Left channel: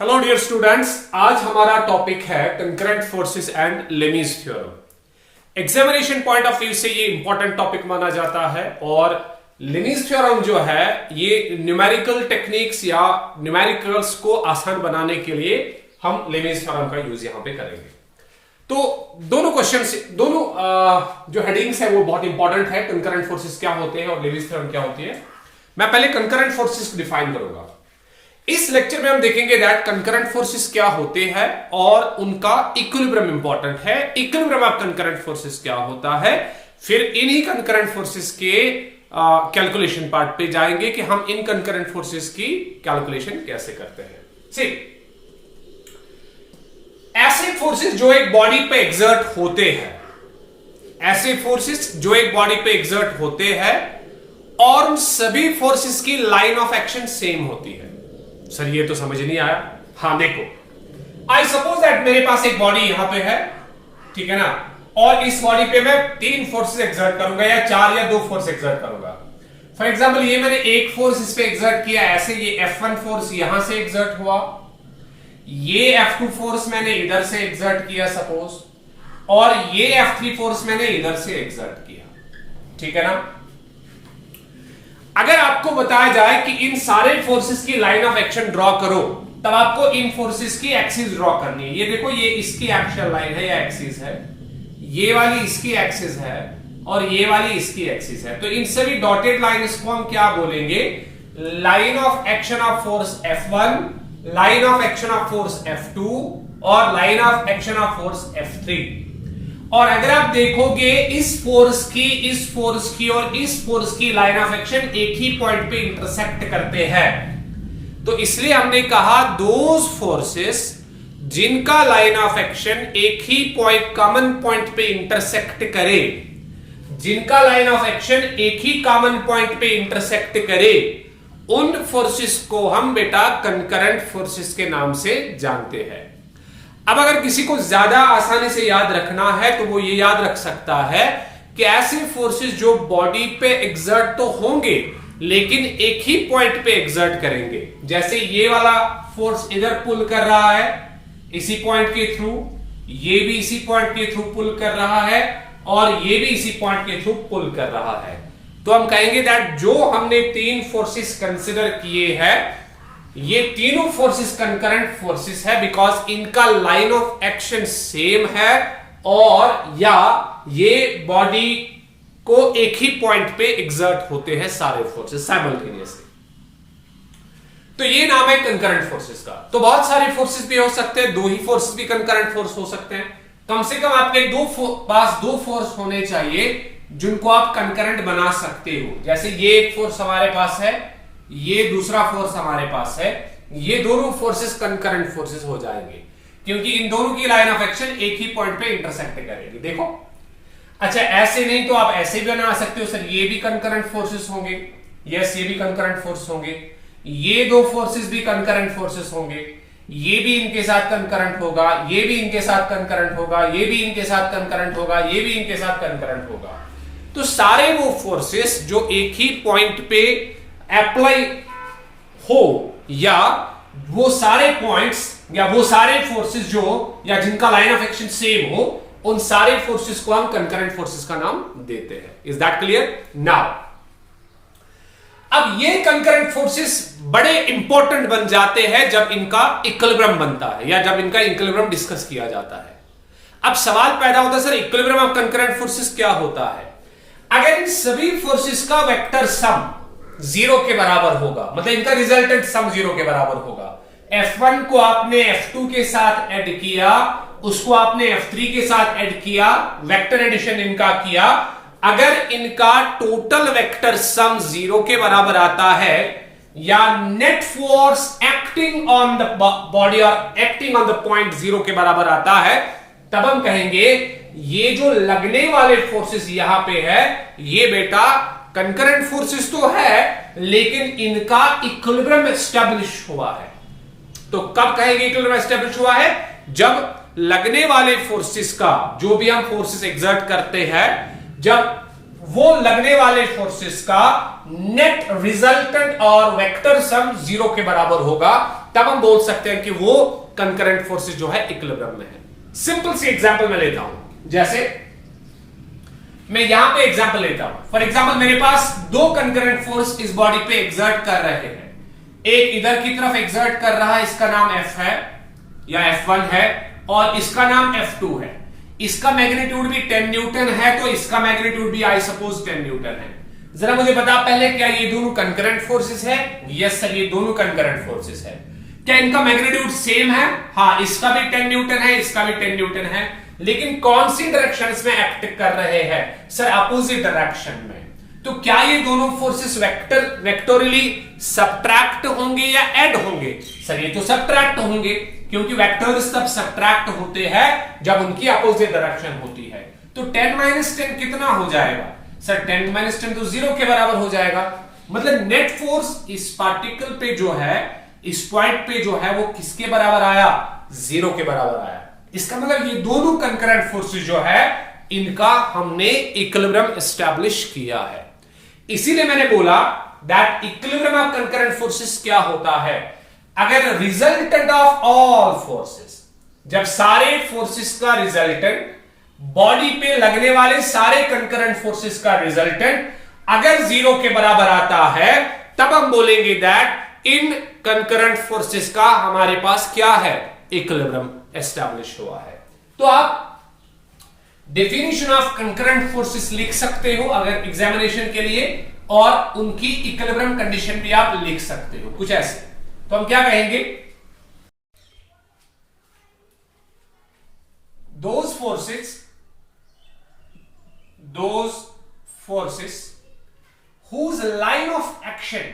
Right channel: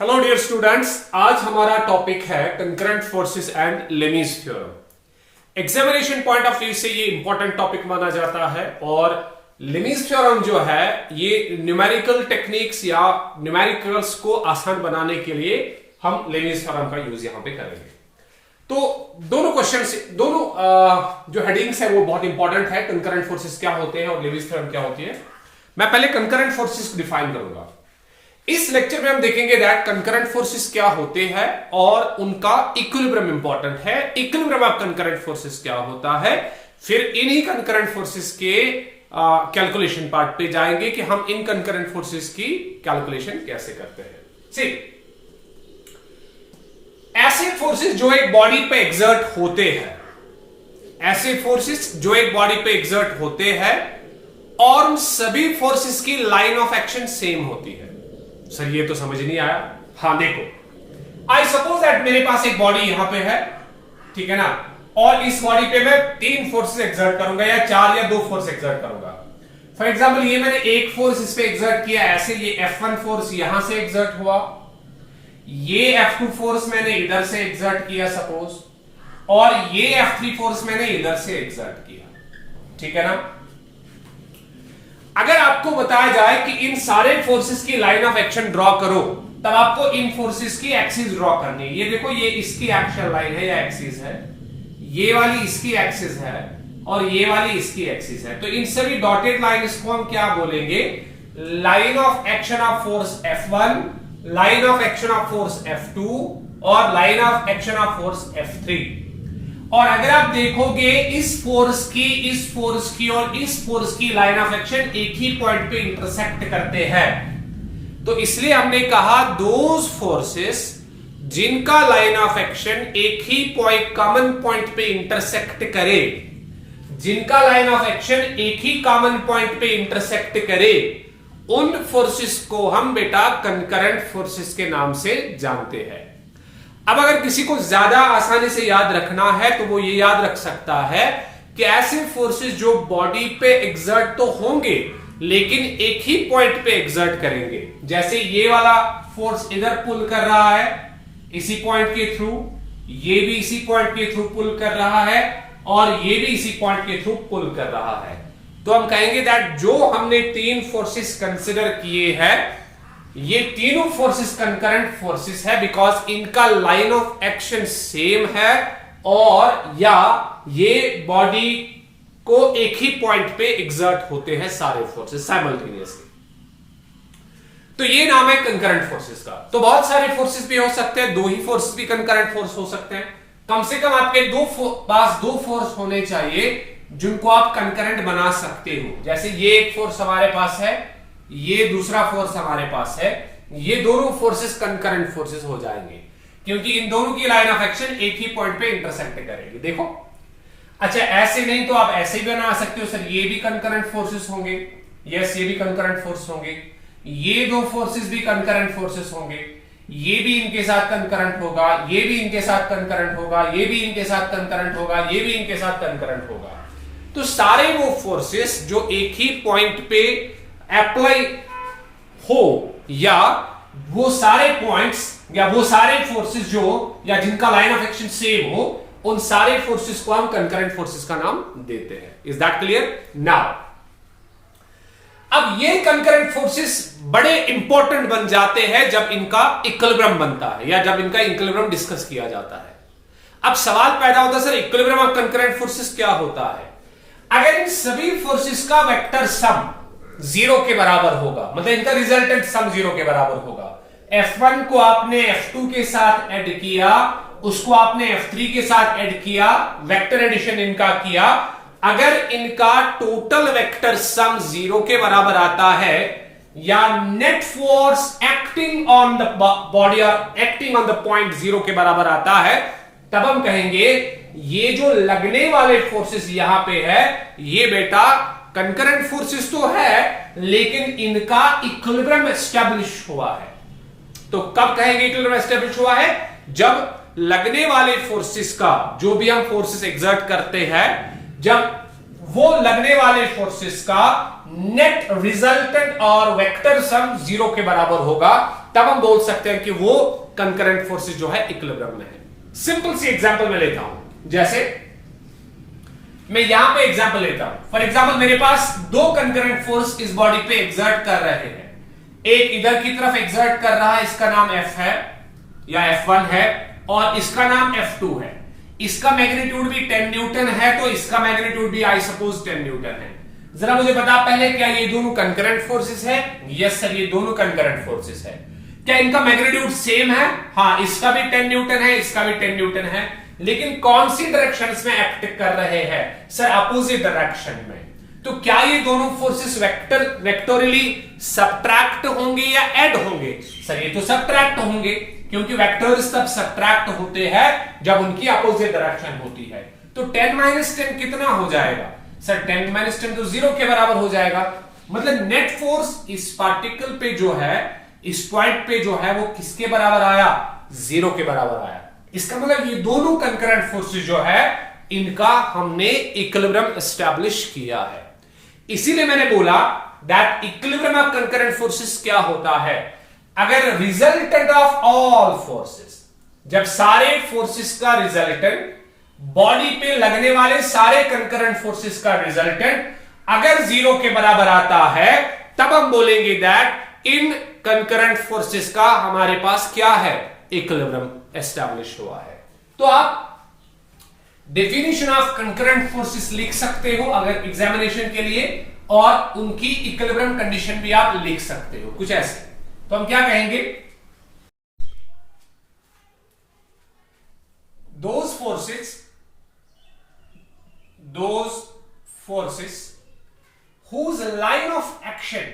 Hello dear students, आज हमारा topic है concurrent forces and Lami's theorem. Examination point of view से ये इंपॉर्टेंट टॉपिक माना जाता है और लेमीज थ्योरम जो है ये न्यूमेरिकल टेक्निक्स या न्यूमेरिकल्स को आसान बनाने के लिए हम लेमीज थ्योरम का यूज यहां पे करेंगे। तो दोनों क्वेश्चन जो हेडिंग्स है वो बहुत इंपॉर्टेंट है। कंकरेंट फोर्सेस क्या होते हैं और लेमीज थ्योरम क्या होती है। मैं पहले कंकरेंट फोर्सेस को डिफाइन करूंगा। इस लेक्चर में हम देखेंगे दैट कंकरेंट फोर्सेस क्या होते हैं और उनका इक्विलिब्रियम इंपॉर्टेंट है। इक्विलिब्रियम ऑफ कंकरेंट फोर्सेस क्या होता है, फिर इन्हीं कंकरेंट फोर्सेस के कैलकुलेशन पार्ट पे जाएंगे कि हम इन कंकरेंट फोर्सेस की कैलकुलेशन कैसे करते हैं। सी, ऐसे फोर्सेस जो एक बॉडी पे एग्जर्ट होते हैं, ऐसे फोर्सेस जो एक बॉडी पे एग्जर्ट होते हैं और उन सभी फोर्सेस की लाइन ऑफ एक्शन सेम होती है। सर ये तो समझ नहीं आया। हाँ देखो, आई सपोज दैट मेरे पास एक बॉडी यहां पे है, ठीक है ना, और इस बॉडी पे मैं 3 फोर्सेस एक्सर्ट करूंगा या 4 या 2 फोर्स एक्सर्ट करूंगा। फॉर एग्जांपल ये मैंने एक फोर्स इस पे एक्सर्ट किया, ऐसे ये F1 फोर्स यहां से एक्सर्ट हुआ, ये F2 फोर्स मैंने इधर से एक्सर्ट किया सपोज, और ये F3 फोर्स मैंने इधर से एक्सर्ट किया, ठीक है ना। अगर आपको बताया जाए कि इन सारे फोर्सेस की लाइन ऑफ एक्शन ड्रॉ करो, तब आपको इन फोर्सेस की एक्सिस ड्रॉ करनी है। ये देखो, ये इसकी एक्शन लाइन है या एक्सिस है, ये वाली इसकी एक्सिस है और ये वाली इसकी एक्सिस है। तो इन सभी डॉटेड लाइंस को हम क्या बोलेंगे, line of action of force F1, line of action of force F2 और line of action of force F3। और अगर आप देखोगे इस फोर्स की और इस फोर्स की लाइन ऑफ एक्शन एक ही पॉइंट पे इंटरसेक्ट करते हैं, तो इसलिए हमने कहा दोज फोर्सेस जिनका लाइन ऑफ एक्शन एक ही पॉइंट, कॉमन पॉइंट पे इंटरसेक्ट करे, जिनका लाइन ऑफ एक्शन एक ही कॉमन पॉइंट पे इंटरसेक्ट करे, उन फोर्सेस को हम बेटा कंकरेंट फोर्सेस के नाम से जानते हैं। अब अगर किसी को ज्यादा आसानी से याद रखना है तो वो ये याद रख सकता है कि ऐसे फोर्सेस जो बॉडी पे एग्जर्ट तो होंगे लेकिन एक ही पॉइंट पे एग्जर्ट करेंगे। जैसे ये वाला फोर्स इधर पुल कर रहा है इसी पॉइंट के थ्रू, ये भी इसी पॉइंट के थ्रू पुल कर रहा है और ये भी इसी पॉइंट के थ्रू पुल कर रहा है। तो हम कहेंगे दैट जो हमने 3 फोर्सेस कंसिडर किए हैं, ये तीनों फोर्सेस कंकरेंट फोर्सेस है बिकॉज इनका लाइन ऑफ एक्शन सेम है और या ये बॉडी को एक ही पॉइंट पे एग्जर्ट होते हैं सारे फोर्सेस साइमल्टेनियसली। तो ये नाम है कंकरेंट फोर्सेस का। तो बहुत सारे फोर्सेस भी हो सकते हैं, 2 ही फोर्सेस भी कंकरेंट फोर्स हो सकते हैं। कम से कम आपके पास 2 फोर्स होने चाहिए जिनको आप कंकरेंट बना सकते हो। जैसे ये एक फोर्स हमारे पास है, ये दूसरा फोर्स हमारे पास है, ये दोनों फोर्सेस कंकरेंट फोर्सेस हो जाएंगे क्योंकि इन दोनों की लाइन ऑफ एक्शन एक ही पॉइंट पे इंटरसेक्ट करेगी। देखो, अच्छा ऐसे नहीं तो आप ऐसे भी बना सकते हो, सर ये भी कंकरेंट फोर्सेस होंगे, यस ये भी कंकरेंट फोर्स होंगे, ये 2 फोर्सेस भी कंकरेंट फोर्सेस होंगे, ये भी इनके साथ कंकरेंट होगा, ये भी इनके साथ कंकरेंट होगा, ये भी इनके साथ कंकरेंट होगा, ये भी इनके साथ कंकरेंट होगा। तो सारे वो फोर्सेस जो एक ही पॉइंट पे अप्लाई हो या वो सारे पॉइंट्स या वो सारे फोर्सेस जो या जिनका लाइन ऑफ एक्शन सेम हो, उन सारे फोर्सेस को हम कंकरेंट फोर्सेस का नाम देते हैं। Is that clear? नाउ अब ये कंकरेंट फोर्सेस बड़े इंपॉर्टेंट बन जाते हैं जब इनका इक्विलिब्रियम बनता है या जब इनका इक्विलिब्रियम डिस्कस किया जाता है। अब सवाल पैदा होता है, sir equilibrium of concurrent forces क्या होता है? अगर इन सभी फोर्सेस का वेक्टर सम 0 के बराबर होगा, मतलब इनका रिजल्टेंट सम 0 के बराबर होगा। F1 को आपने F2 के साथ ऐड किया, उसको आपने F3 के साथ ऐड किया, वेक्टर एडिशन इनका किया। अगर इनका टोटल वेक्टर सम 0 के बराबर आता है या net force acting on the body और एक्टिंग ऑन द पॉइंट 0 के बराबर आता है, तब हम कहेंगे ये जो लगने वाले फोर्सेस यहां पे है ये बेटा कंकरेंट फोर्सेस तो है लेकिन इनका इक्विलिब्रियम एस्टैब्लिश हुआ है। तो कब कहेंगे इक्विलिब्रियम एस्टैब्लिश हुआ है? जब लगने वाले फोर्सेस का, जो भी हम फोर्सेस एक्सर्ट करते हैं, जब वो लगने वाले फोर्सेस का नेट रिजल्टेंट और वेक्टर सम 0 के बराबर होगा, तब हम बोल सकते हैं कि वो कंकरेंट फोर्सेस जो है इक्विलिब्रियम में है। सिंपल सी एग्जांपल मैं लेता हूं, जैसे मैं यहां पे एग्जांपल लेता हूं। फॉर एग्जांपल मेरे पास दो कंकरेंट फोर्स इस बॉडी पे एग्जर्ट कर रहे हैं। एक इधर की तरफ एग्जर्ट कर रहा है, इसका नाम F है या F1 है, और इसका नाम F2 है। इसका मैग्नीट्यूड भी 10 न्यूटन है, तो इसका मैग्नीट्यूड भी आई सपोज 10 न्यूटन है। जरा मुझे बता पहले, क्या ये दोनों कंकरेंट फोर्सेस है? यस सर, ये दोनों कंकरेंट फोर्सेस है। क्या इनका मैग्नीट्यूड सेम है? हाँ, इसका भी 10 न्यूटन है, इसका भी 10 न्यूटन है, लेकिन कौन सी डायरेक्शंस में एक्ट कर रहे हैं? सर अपोजिट डायरेक्शन में। तो क्या ये दोनों फोर्सेस वेक्टोरियली सब्ट्रैक्ट होंगे या ऐड होंगे? सर ये तो सब्ट्रैक्ट होंगे, क्योंकि वेक्टर्स तब सब्ट्रैक्ट होते हैं जब उनकी अपोजिट डायरेक्शन होती है। तो 10 - 10 कितना हो जाएगा? सर 10 - 10 तो 0 के बराबर हो जाएगा। मतलब नेट फोर्स इस पार्टिकल पे जो है, इस पॉइंट पे जो है, वो किसके बराबर आया? 0 के बराबर आया। इसका मतलब ये दोनों कंकरेंट फोर्सेस जो है, इनका हमने इक्विलिब्रियम एस्टैब्लिश किया है। इसीलिए मैंने बोला that equilibrium of concurrent forces क्या होता है? अगर रिजल्टेंट ऑफ ऑल फोर्सेस, जब सारे फोर्सेस का रिजल्टेंट, बॉडी पे लगने वाले सारे कंकरेंट फोर्सेस का रिजल्टेंट अगर 0 के बराबर आता है, तब हम बोलेंगे दैट इन कंकरेंट फोर्सेस का हमारे पास क्या है? इक्विलिब्रियम एस्टैब्लिश हुआ है। तो आप डेफिनेशन ऑफ कंकरेंट फोर्सेस लिख सकते हो अगर एग्जामिनेशन के लिए, और उनकी इक्विलिब्रियम कंडीशन भी आप लिख सकते हो कुछ ऐसे। तो हम क्या कहेंगे? those forces whose line of action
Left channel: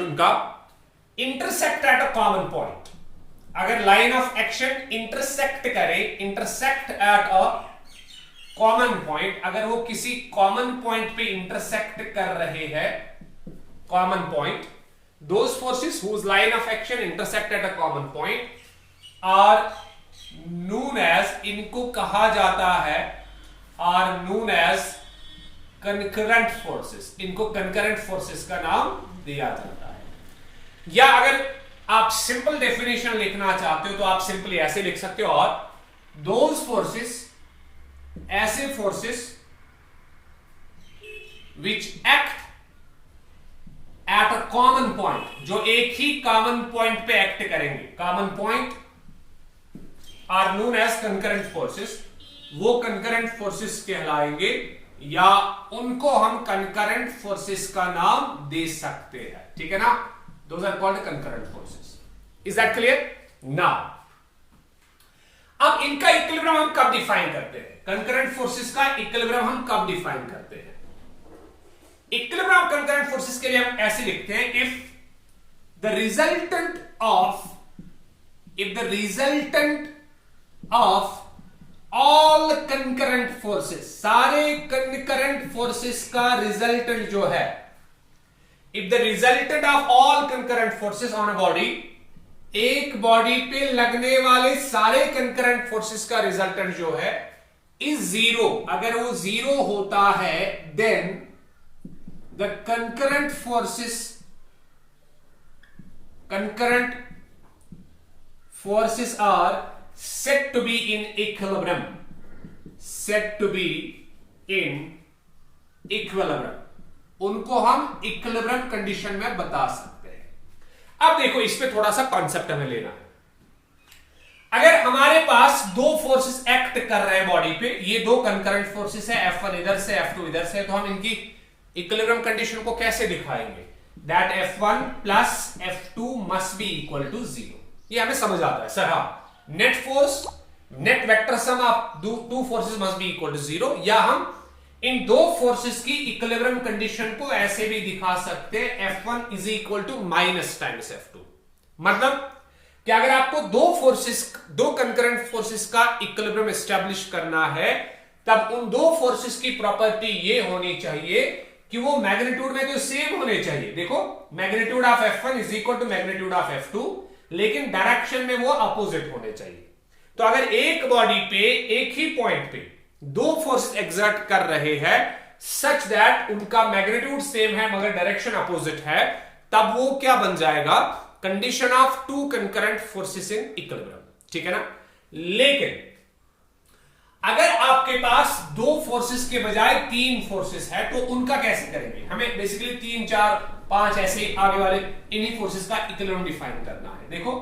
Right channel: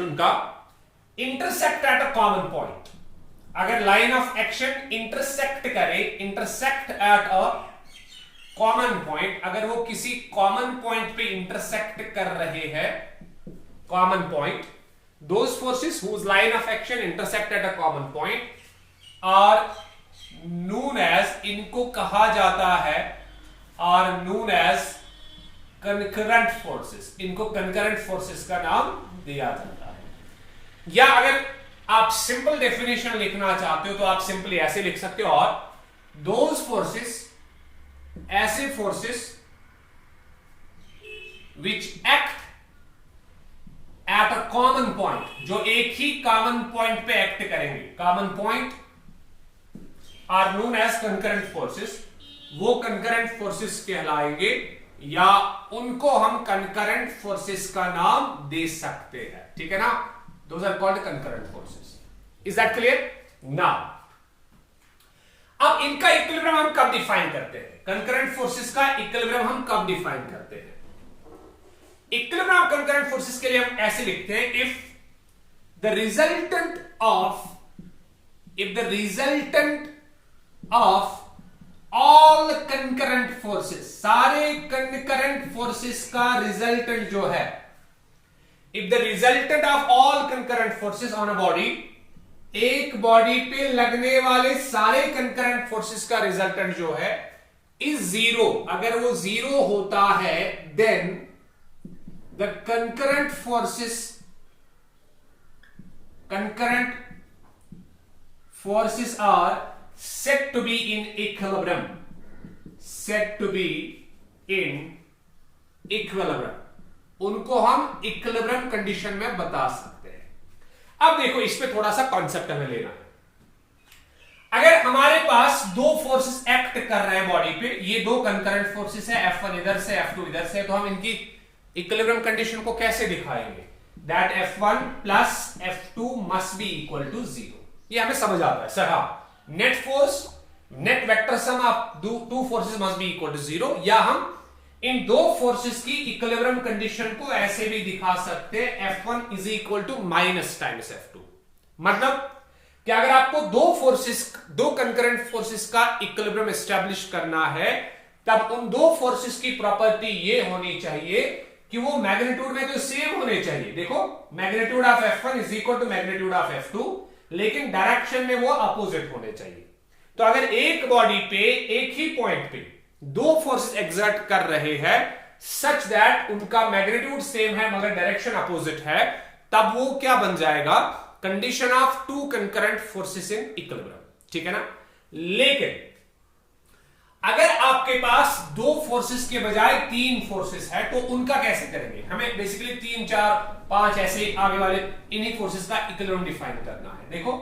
उनका intersect at a common point. अगर line of action intersect at a common point, अगर वो किसी कॉमन पॉइंट पे इंटरसेक्ट कर रहे हैं, common point, those forces whose line of action intersect at a common point are known as, इनको कहा जाता है, are known as concurrent forces। इनको concurrent forces का नाम दिया जाता है। या अगर आप सिंपल डेफिनेशन लिखना चाहते हो तो आप सिंपली ऐसे लिख सकते हो, और those forces, ऐसे forces which act at a common point, जो एक ही कॉमन पॉइंट पे एक्ट करेंगे, common point, are known as concurrent forces. वो कंकरेंट फोर्सेस कहलाएंगे, या उनको हम कंकरेंट फोर्सेस का नाम दे सकते हैं। ठीक है ना? Those are called concurrent forces. Is that clear? Now अब इनका इक्विलिब्रियम हम कब डिफाइन करते हैं? कंकरेंट फोर्सेस का इक्विलिब्रियम हम कब डिफाइन करते हैं? इक्विलिब्रियम ऑफ कंकरेंट फोर्सेस के लिए हम ऐसे लिखते हैं, if the resultant of all concurrent forces, सारे कंकरेंट फोर्सेस का रिजल्टेंट जो है, if the resultant of all concurrent forces on a body, एक बॉडी पे लगने वाले सारे कंकरेंट फोर्सेस का रिजल्टेंट जो है इज 0, अगर वो 0 होता है, then the concurrent forces are said to be in equilibrium, उनको हम इक्विलिब्रियम कंडीशन में बता सकते हैं। अब देखो, इस पे थोड़ा सा कॉन्सेप्ट हमें लेना है। अगर हमारे पास दो फोर्सेस एक्ट कर रहे हैं बॉडी पे, ये दो कंकरेंट फोर्सेस है, F1 इधर से, F2 इधर से, तो हम इनकी इक्विलिब्रियम कंडीशन को कैसे दिखाएंगे? That F1 plus F2 must be equal to 0। ये हमें समझ आता है सर। हाँ, net vector sum of two forces must be equal to 0, या हम इन दो फोर्सेस की इक्विलिब्रियम कंडीशन को ऐसे भी दिखा सकते हैं, F1 is equal to minus times F2। मतलब कि अगर आपको दो कंकरेंट फोर्सेस का इक्विलिब्रियम एस्टैब्लिश करना है, तब उन दो फोर्सेस की प्रॉपर्टी ये होनी चाहिए कि वो मैग्नीट्यूड में तो सेम होने चाहिए। देखो, magnitude of F1 is equal to magnitude of F2, लेकिन डायरेक्शन में वो अपोजिट होने चाहिए। तो अगर एक बॉडी पे, एक ही पॉइंट पे दो फोर्स एग्जर्ट कर रहे हैं, सच दैट उनका मैग्नीट्यूड सेम है मगर डायरेक्शन अपोजिट है, तब वो क्या बन जाएगा, condition of two concurrent forces in equilibrium, ठीक है ना। लेकिन अगर आपके पास दो फोर्सेस के बजाय तीन फोर्सेस है तो उनका कैसे करेंगे, हमें बेसिकली 3 4 5 ऐसे आगे वाले इन्हीं फोर्सेस का इक्विलिब्रियम डिफाइन करना है। देखो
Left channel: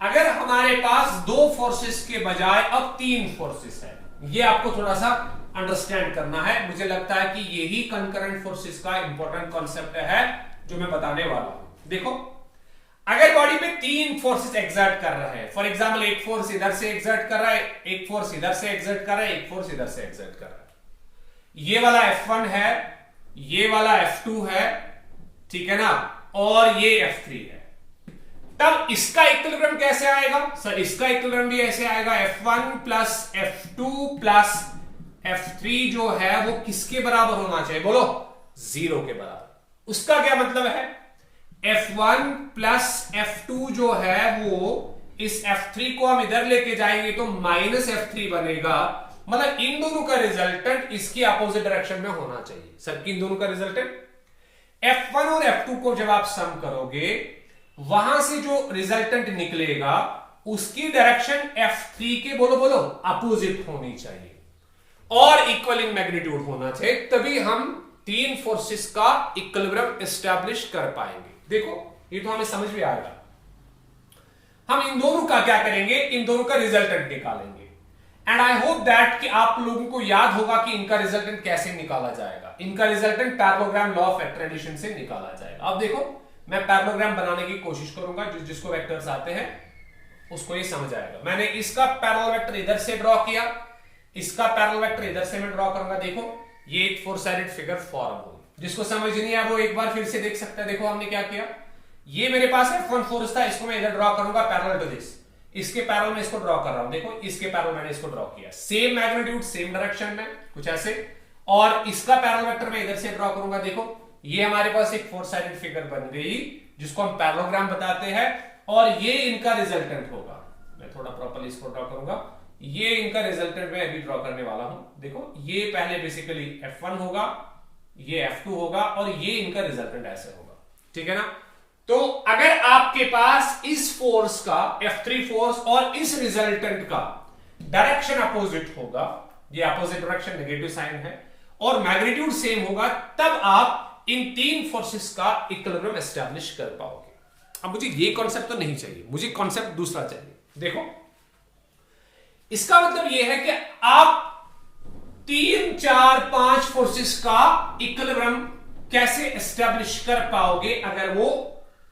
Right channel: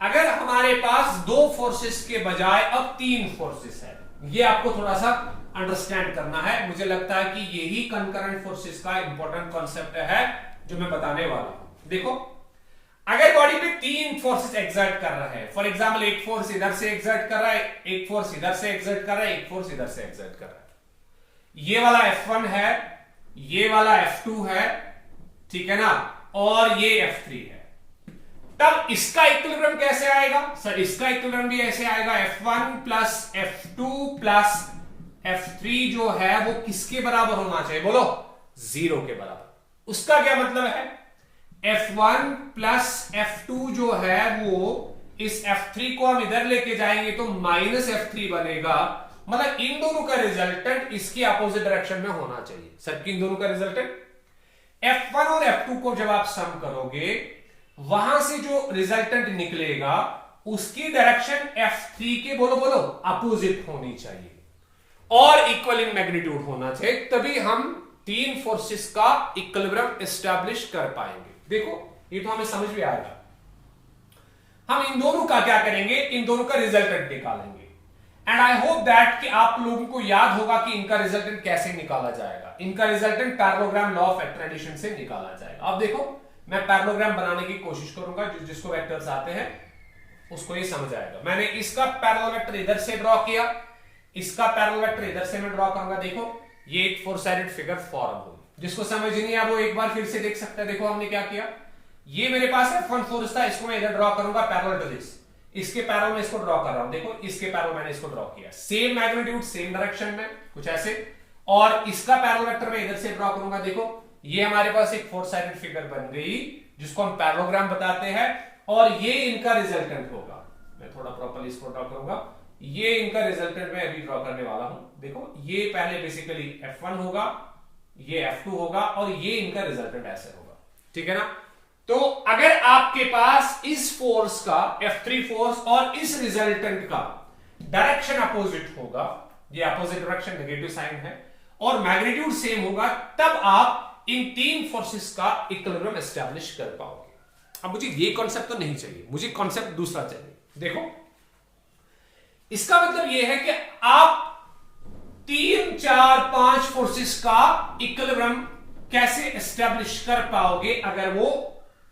अगर हमारे पास दो फोर्सेस के बजाय अब तीन फोर्सेस है, ये आपको थोड़ा सा अंडरस्टैंड करना है। मुझे लगता है कि यही कंकरेंट फोर्सेस का इंपॉर्टेंट कॉन्सेप्ट है जो मैं बताने वाला हूं। देखो अगर बॉडी पे तीन फोर्सेस एक्सर्ट कर रहे हैं, फॉर एग्जांपल एक फोर्स इधर से एक्सर्ट कर रहा है, एक फोर्स इधर से एक्सर्ट कर रहा है, एक फोर्स इधर से एक्सर्ट कर रहा है, ये वाला F1 है, ये वाला F2 है, ठीक है ना, और ये F3 है, तब इसका इक्विलिब्रियम कैसे आएगा सर, इसका इक्विलिब्रियम भी ऐसे आएगा, F1 plus F2 plus F3 जो है वो किसके बराबर होना चाहिए, बोलो 0 के बराबर। उसका क्या मतलब है, F1 प्लस F2 जो है वो इस F3 को हम इधर लेके जाएंगे तो माइनस F3 बनेगा, मतलब इन दोनों का रिजल्टेंट इसकी अपोजिट डायरेक्शन में होना चाहिए। सर इन दोनों का रिजल्टेंट F1 और F2 को जब आप सम करोगे वहां से जो रिजल्टेंट निकलेगा उसकी डायरेक्शन F3 के बोलो बोलो अपोजिट होनी चाहिए और इक्वल इन मैग्नीट्यूड होना चाहिए, तभी हम तीन फोर्सेस का इक्विलिब्रियम एस्टैब्लिश कर पाएंगे। देखो ये तो हमें समझ में आएगा। हम इन दोनों का क्या करेंगे, इन दोनों का रिजल्टेंट निकालेंगे एंड आई होप दैट कि आप लोगों को याद होगा कि इनका रिजल्टेंट कैसे निकाला जाएगा। इनका रिजल्टेंट पैरेललोग्राम लॉ ऑफ एक्ट्रेडिशन से निकाला जाएगा। अब देखो मैं पैरेललोग्राम बनाने की कोशिश करूंगा, जिसको वेक्टर्स आते हैं उसको ये समझ आएगा। मैंने इसका पैरेलल वेक्टर इधर से ड्रॉ किया, इसका पैरेलल वेक्टर इधर से मैं ड्रॉ करूंगा। देखो ये एक फोर साइडेड फिगर फॉर्म हो, जिसको समझ नहीं है वो एक बार फिर से देख सकता है। देखो हमने क्या किया, ये मेरे पास F1 फोर्स था, इसको मैं इधर ड्रॉ करूंगा पैरेलल टू दिस, इसके पैरेलल में इसको ड्रॉ कर रहा हूं। देखो इसके पैरेलल मैंने इसको ड्रॉ किया, सेम मैग्नीट्यूड सेम डायरेक्शन में कुछ ऐसे, और इसका पैरेलल वेक्टर मैं इधर से ड्रॉ करूंगा। देखो ये हमारे पास एक फोर साइडेड फिगर बन गई जिसको हम पैरेललोग्राम बताते हैं, और ये इनका रिजल्टेंट होगा। मैं थोड़ा प्रॉपर्ली इसको ड्रॉ करूंगा, ये इनका रिजल्टेंट मैं अभी ड्रॉ करने वाला हूं। देखो ये पहले बेसिकली F1 होगा, ये F2 होगा और ये इनका रिजल्टेंट ऐसे होगा, ठीक है ना। तो अगर आपके पास इस फोर्स का F3 फोर्स और इस रिजल्टेंट का डायरेक्शन अपोजिट होगा, ये अपोजिट डायरेक्शन नेगेटिव साइन है, और मैग्नीट्यूड सेम होगा, तब आप इन तीन फोर्सेस का इक्विलिब्रियम एस्टैब्लिश कर पाओगे। अब मुझे ये कॉन्सेप्ट तो नहीं चाहिए, मुझे कॉन्सेप्ट दूसरा चाहिए। देखो इसका मतलब यह है कि आप 3 4 5 फोर्सेस का इक्विलिब्रियम कैसे एस्टैब्लिश कर पाओगे अगर वो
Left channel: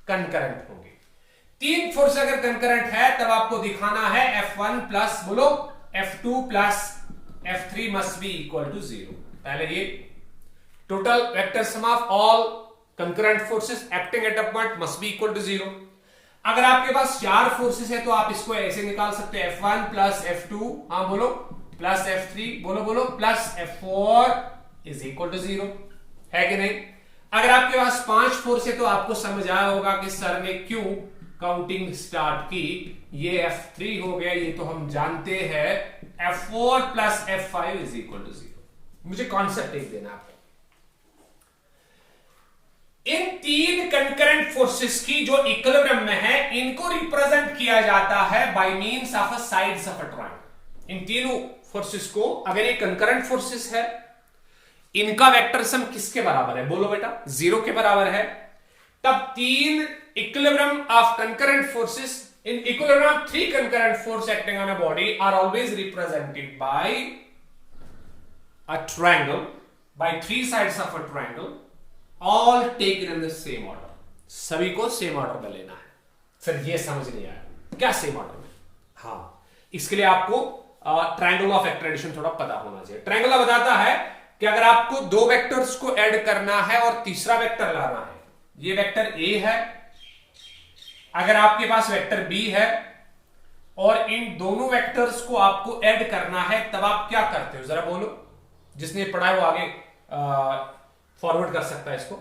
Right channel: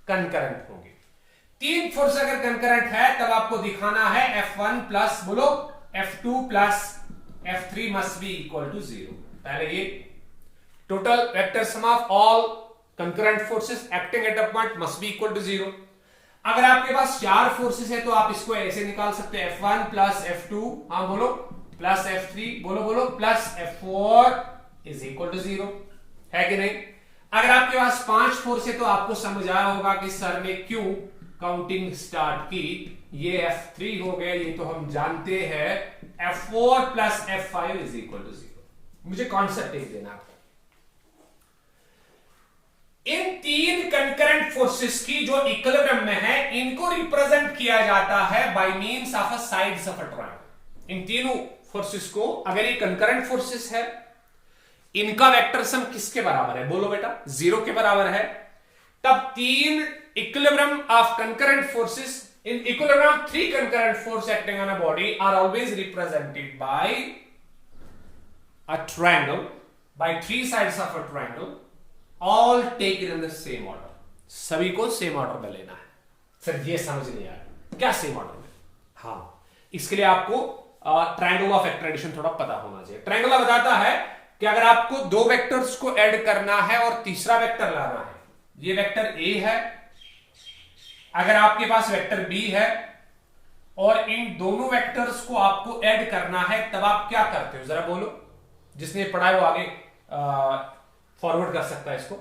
कंकरेंट होंगे। तीन फोर्स अगर कंकरेंट है तब आपको दिखाना है F1 प्लस बोलो F2 plus F3 must be equal to 0। पहले ये total vector sum of all concurrent forces acting at a point must be equal to 0। अगर आपके पास 4 फोर्सेस है तो आप इसको ऐसे निकाल सकते हैं, F1 प्लस F2 हाँ बोलो प्लस F3 बोलो बोलो plus F4 is equal to 0, है कि नहीं। अगर आपके पास 5 फोर्स है तो आपको समझ आया होगा कि सर ने क्यों काउंटिंग स्टार्ट की। ये F3 हो गया, ये तो हम जानते हैं, F4 plus F5 is equal to 0। मुझे कॉन्सेप्ट एक देना आपको, इन तीन कंकरेंट फोर्सेस की जो इक्विलिब्रियम में है इनको रिप्रेजेंट किया जाता है by means of a sides of a triangle. इन तीनों फोर्सेस को, अगर ये कंकरेंट फोर्सेस है, इनका वेक्टर सम किसके बराबर है, बोलो बेटा 0 के बराबर है, तब तीन equilibrium of concurrent forces, in equilibrium of 3 concurrent force acting on a body are always represented by a triangle, by 3 sides of a triangle, all taken in the same order. सभी को सेम ऑर्डर में लेना है। Sir ये समझ नहीं आया क्या सेम ऑर्डर में, हाँ इसके लिए आपको ट्रायंगल ऑफ एक्ट्रेडिशन थोड़ा पता होना चाहिए। ट्रायंगल बताता है कि अगर आपको दो वेक्टर्स को ऐड करना है और तीसरा वेक्टर लाना है, ये वेक्टर A है, अगर आपके पास वेक्टर B है और इन दोनों वेक्टर्स को आपको ऐड करना है, तब आप क्या करते हो जरा बोलो, जिसने पढ़ा है वो आगे फॉरवर्ड कर सकता है इसको।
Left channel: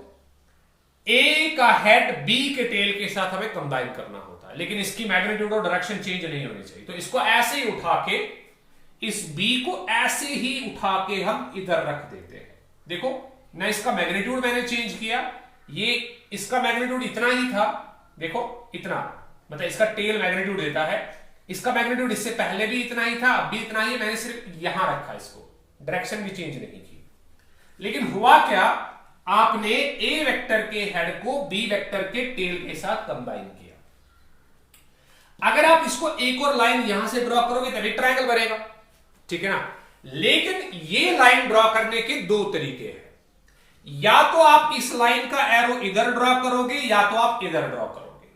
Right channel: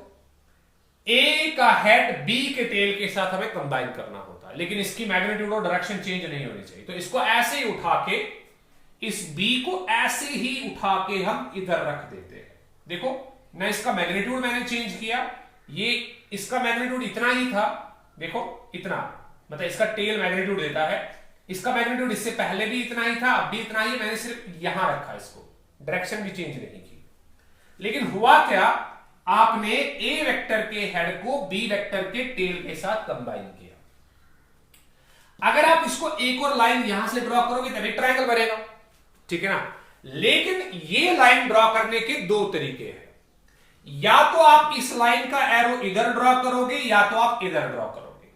A का हेड B के टेल के साथ हमें कंबाइन करना होता है, लेकिन इसकी मैग्नीट्यूड और डायरेक्शन चेंज नहीं होनी चाहिए, तो इसको ऐसे ही उठा के, इस B को ऐसे ही उठा के हम इधर रख देते हैं। देखो ना, इसका मैग्नीट्यूड मैंने चेंज किया, ये इसका मैग्नीट्यूड इतना ही था, देखो इतना, मतलब इसका टेल मैग्नीट्यूड देता है, इसका मैग्नीट्यूड इससे पहले भी इतना ही था, अब भी इतना ही, मैंने सिर्फ यहां रखा, इसको डायरेक्शन भी चेंज नहीं की। लेकिन हुआ क्या, आपने ए वेक्टर के हेड को बी वेक्टर के टेल के साथ कंबाइन किया। अगर आप इसको एक और लाइन यहां से ड्रॉ करोगे तभी ट्रायंगल बनेगा, ठीक है ना। लेकिन ये लाइन ड्रॉ करने के दो तरीके हैं, या तो आप इस लाइन का एरो इधर ड्रॉ करोगे या तो आप इधर ड्रॉ करोगे।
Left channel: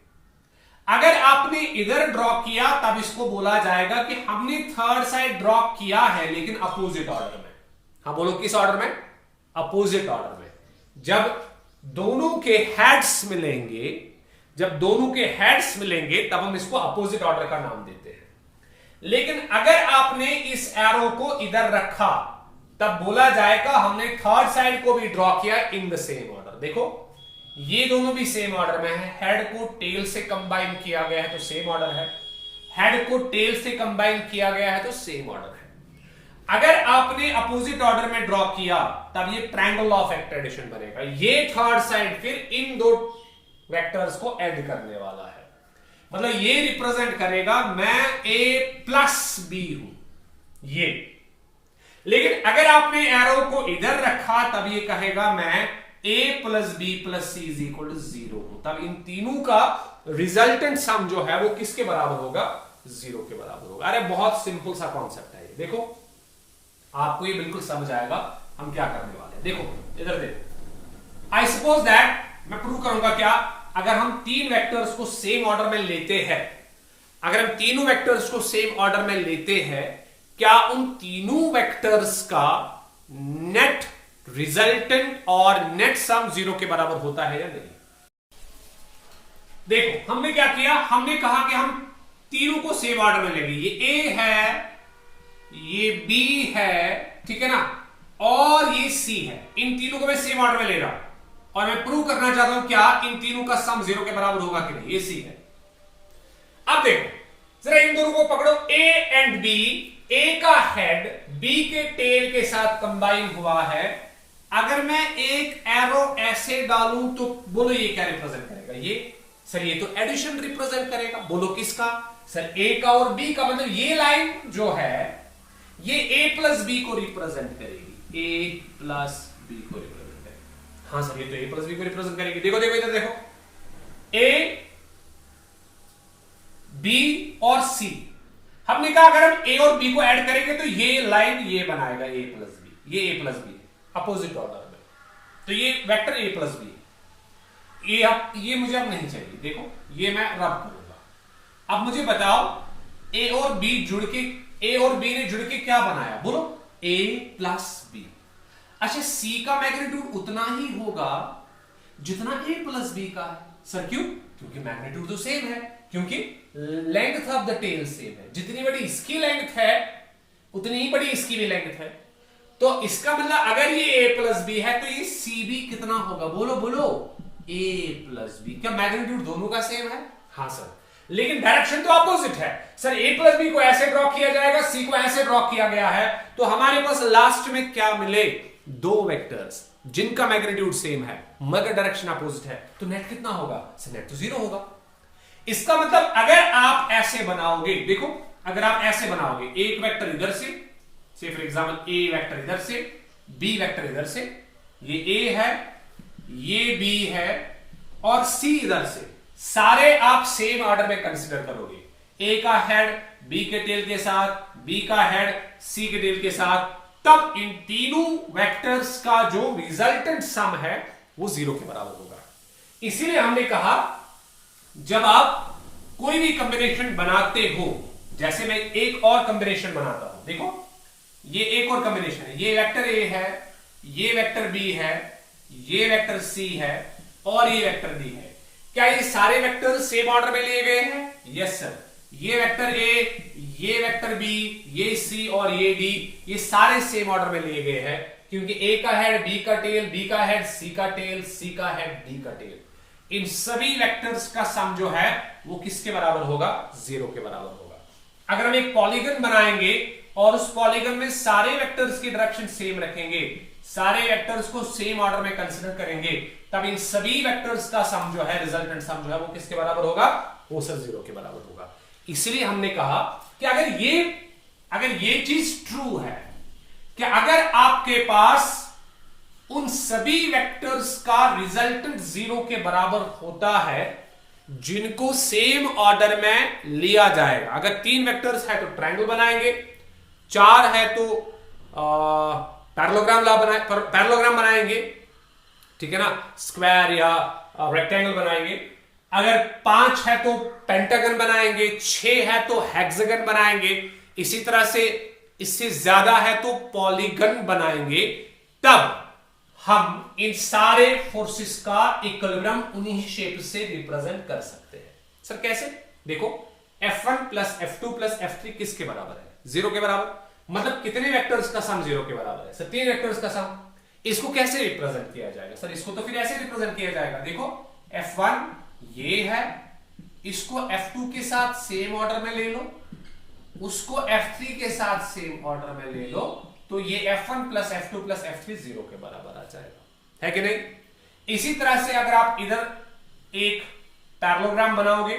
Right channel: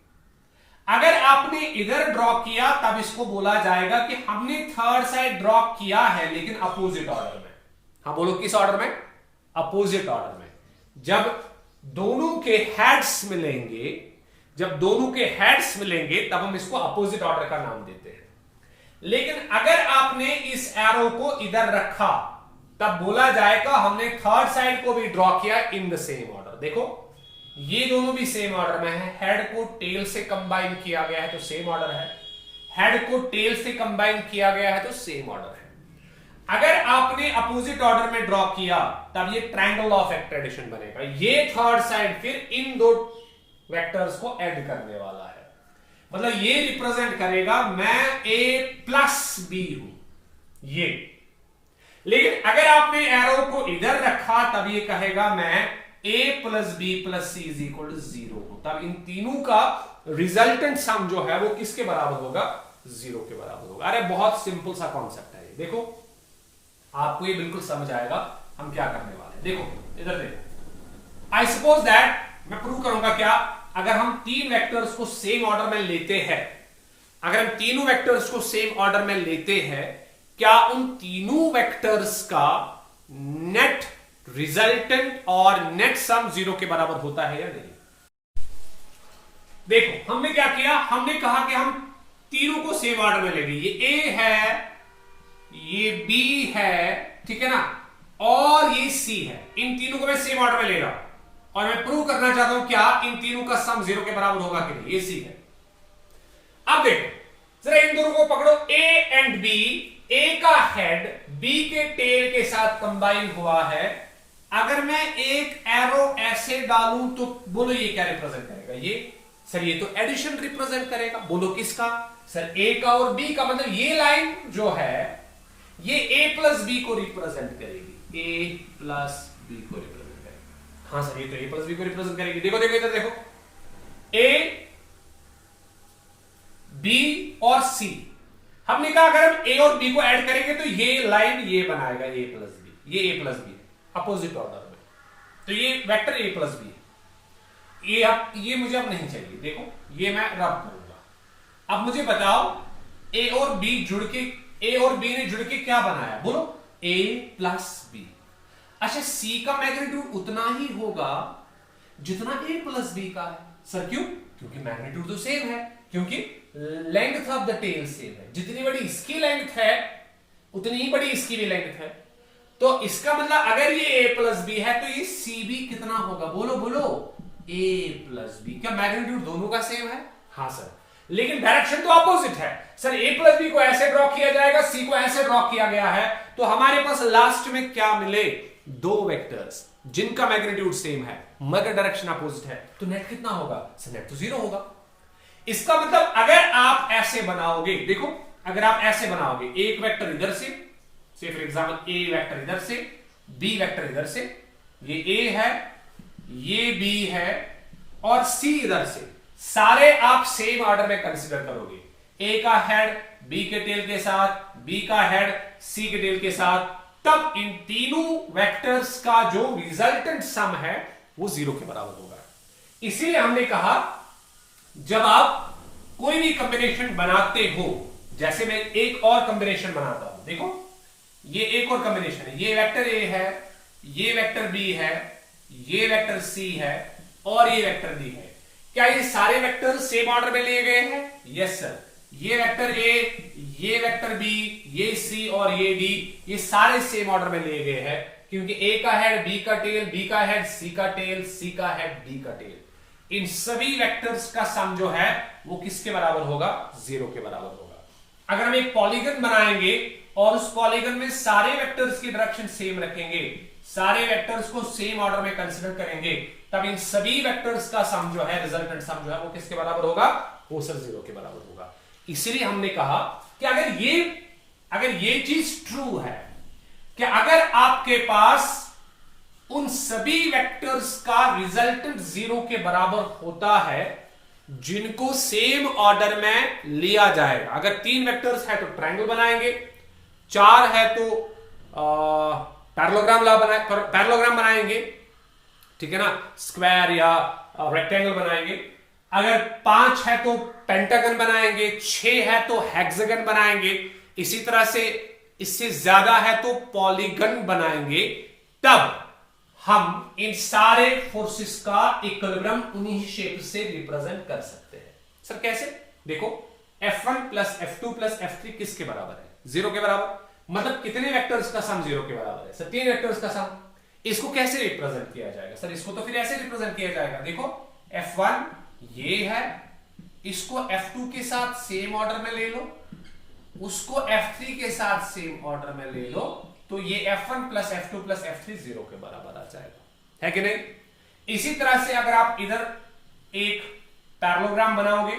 अगर आपने इधर ड्रॉ किया तब इसको बोला जाएगा कि हमने थर्ड साइड ड्रॉ किया है लेकिन अपोजिट ऑर्डर में। हाँ बोलो, किस ऑर्डर में? अपोजिट ऑर्डर में। जब दोनों के हेड्स मिलेंगे, जब दोनों के हेड्स मिलेंगे तब हम इसको अपोजिट ऑर्डर का नाम देते हैं। लेकिन अगर आपने इस एरो को इधर रखा तब बोला जाएगा हमने थर्ड साइड को भी ड्रॉ किया इन द सेम ऑर्डर। देखो ये दोनों भी सेम ऑर्डर में है, हेड को टेल से कंबाइन किया गया है तो सेम ऑर्डर है, हेड को टेल से कंबाइन किया गया है तो सेम ऑर्डर है। अगर आपने अपोजिट ऑर्डर में ड्रॉ किया तब ये ट्रायंगल ऑफ एक्ट्रेडिशन बनेगा। ये थर्ड साइड फिर इन दो वेक्टर्स को ऐड करने वाला है, मतलब ये रिप्रेजेंट करेगा मैं ए प्लस बी हूं ये। लेकिन अगर आपने एरो को इधर रखा तब ये कहेगा मैं A plus B plus C is equal to 0 हूं। तब इन तीनों का रिजल्टेंट सम जो है वो किसके बराबर होगा? 0 के बराबर होगा। अरे बहुत सिंपल सा कॉन्सेप्ट है ये, देखो आपको ये बिल्कुल समझ आएगा हम क्या करने वाले हैं। देखो इधर देखो, आई सपोज दैट, मैं प्रूव करूंगा क्या, अगर हम तीन वेक्टर्स को सेम ऑर्डर में लेते हैं, अगर हम तीनों वेक्टर्स को सेम ऑर्डर में लेते हैं, क्या उन तीनों वेक्टर्स का नेट रिजल्टेंट और नेट सम 0 के बराबर होता है या नहीं? देखो हमने क्या किया, हमने कहा कि हम तीनों को सेम ऑर्डर में लेंगे। ये ए है, ये बी है, ठीक है ना, और ये सी है। इन तीनों को मैं सेम ऑर्डर में ले रहा हूं और मैं प्रूव करना चाहता हूं क्या इन तीनों का सम 0 के बराबर होगा कि नहीं। ये सी है। अब देखो जरा इन दोनों को पकड़ो, ए एंड बी, ए का हेड बी के टेल के साथ कंबाइन हुआ है। अगर मैं एक एरो ऐसे डालूं तो बोलो ये क्या रिप्रेजेंट करेगा? ये सर ये तो एडिशन रिप्रेजेंट करेगा। बोलो किसका? सर ए का और बी का, मतलब ये लाइन जो है ये ए प्लस बी को रिप्रेजेंट करेगी, ए प्लस बी को रिप्रेजेंट करेगी। हाँ सर ये तो ए प्लस बी को रिप्रेजेंट करेगी। देखो देखो इधर देखो, ए बी और सी, हमने कहा अगर हम ए और बी को ऐड करेंगे तो ये लाइन ये बनाएगा ए प्लस बी, ये ए प्लस बी अपोजिट ऑर्डर में, तो ये वेक्टर ए प्लस बी। ये मुझे अब नहीं चाहिए। देखो ये मैं रब करूंगा। अब मुझे बताओ ए और बी जुड़ के, ए और बी ने जुड़ के क्या बनाया? बोलो ए प्लस बी। अच्छा सी का मैग्नीट्यूड उतना ही होगा जितना ए प्लस बी का है। सर क्यों? क्योंकि मैग्नीट्यूड तो सेम है, क्योंकि length of the tail same है। जितनी बड़ी इसकी लेंथ है उतनी ही बड़ी इसकी भी लेंथ है। तो इसका मतलब अगर ये ए प्लस बी है तो ये सी भी कितना होगा? बोलो बोलो ए प्लस बी। क्या मैग्नीट्यूड दोनों का सेम है? हाँ सर, लेकिन डायरेक्शन तो अपोजिट है। सर ए प्लस बी को ऐसे ड्रॉ किया जाएगा, सी को ऐसे ड्रॉ किया गया है, तो हमारे पास लास्ट में क्या मिले? दो वेक्टर्स जिनका मैग्नीट्यूड सेम है मगर डायरेक्शन अपोजिट है, तो नेट कितना होगा? सर नेट तो 0 होगा। इसका मतलब अगर आप ऐसे बनाओगे, देखो अगर आप ऐसे बनाओगे, एक वेक्टर इधर से फॉर एग्जाम्पल ए वेक्टर इधर से, बी वेक्टर इधर से, ये ए है, ये बी है और सी इधर से, सारे आप सेम ऑर्डर में कंसीडर करोगे। ए का हेड बी के टेल के साथ, बी का हेड सी के टेल के साथ, तब इन तीनों वेक्टर्स का जो रिजल्टेंट सम है वो 0 के बराबर होगा। इसीलिए हमने कहा जब आप कोई भी कॉम्बिनेशन बनाते हो, जैसे मैं एक और कॉम्बिनेशन बनाता हूं, देखो ये एक और कॉम्बिनेशन है, ये वेक्टर ए है, ये वेक्टर बी है, ये वेक्टर सी है और ये वेक्टर डी है। क्या ये सारे वेक्टर सेम ऑर्डर में लिए गए हैं? Yes sir. ये वेक्टर ए, ये वेक्टर बी, ये सी और ये डी, ये सारे सेम ऑर्डर में लिए गए हैं, क्योंकि ए का हेड बी का टेल, बी का हेड सी का टेल, सी का हेड बी का टेल। इन सभी वेक्टर्स का सम जो है वो किसके बराबर होगा? 0 के बराबर होगा। अगर हम एक पॉलीगन बनाएंगे और उस पॉलीगन में सारे वेक्टर्स की डायरेक्शन सेम रखेंगे, सारे वेक्टर्स को सेम ऑर्डर में कंसिडर करेंगे, तब इन सभी वेक्टर्स का सम जो है, रिजल्टेंट सम जो है वो किसके बराबर होगा? वो सर 0 के बराबर होगा। इसलिए हमने कहा कि अगर ये चीज ट्रू है कि अगर आपके पास उन सभी वेक्टर्स का रिजल्टेंट 0 के बराबर होता है जिनको सेम ऑर्डर में लिया जाएगा। अगर 3 वेक्टर्स है तो ट्रायंगल बनाएंगे, 4 है तो पैरेललोग्राम बनाएंगे, ठीक है ना, स्क्वायर या रेक्टेंगल बनाएंगे। अगर 5 है तो पेंटागन बनाएंगे, 6 है तो हेक्सागन बनाएंगे, इसी तरह से इससे ज्यादा है तो पॉलीगन बनाएंगे। तब हम इन सारे फोर्सेस का इक्विलिब्रियम उन्हीं शेप से रिप्रेजेंट कर सकते हैं। सर कैसे? देखो, F1 plus F2 plus F3 किसके बराबर है? 0 के बराबर। मतलब कितने वेक्टर्स का सम 0 के बराबर है? सर 3 वेक्टर्स का सम। इसको कैसे रिप्रेजेंट किया जाएगा? सर इसको तो फिर ऐसे रिप्रेजेंट किया जाएगा, देखो F1 ये है, इसको F2 के साथ सेम ऑर्डर में ले लो, उसको F3 के साथ सेम ऑर्डर में ले लो, तो ये F1 plus F2 plus F3 0 के बराबर आ जाएगा, है कि नहीं? इसी तरह से अगर आप इधर एक पैरेललोग्राम बनाओगे,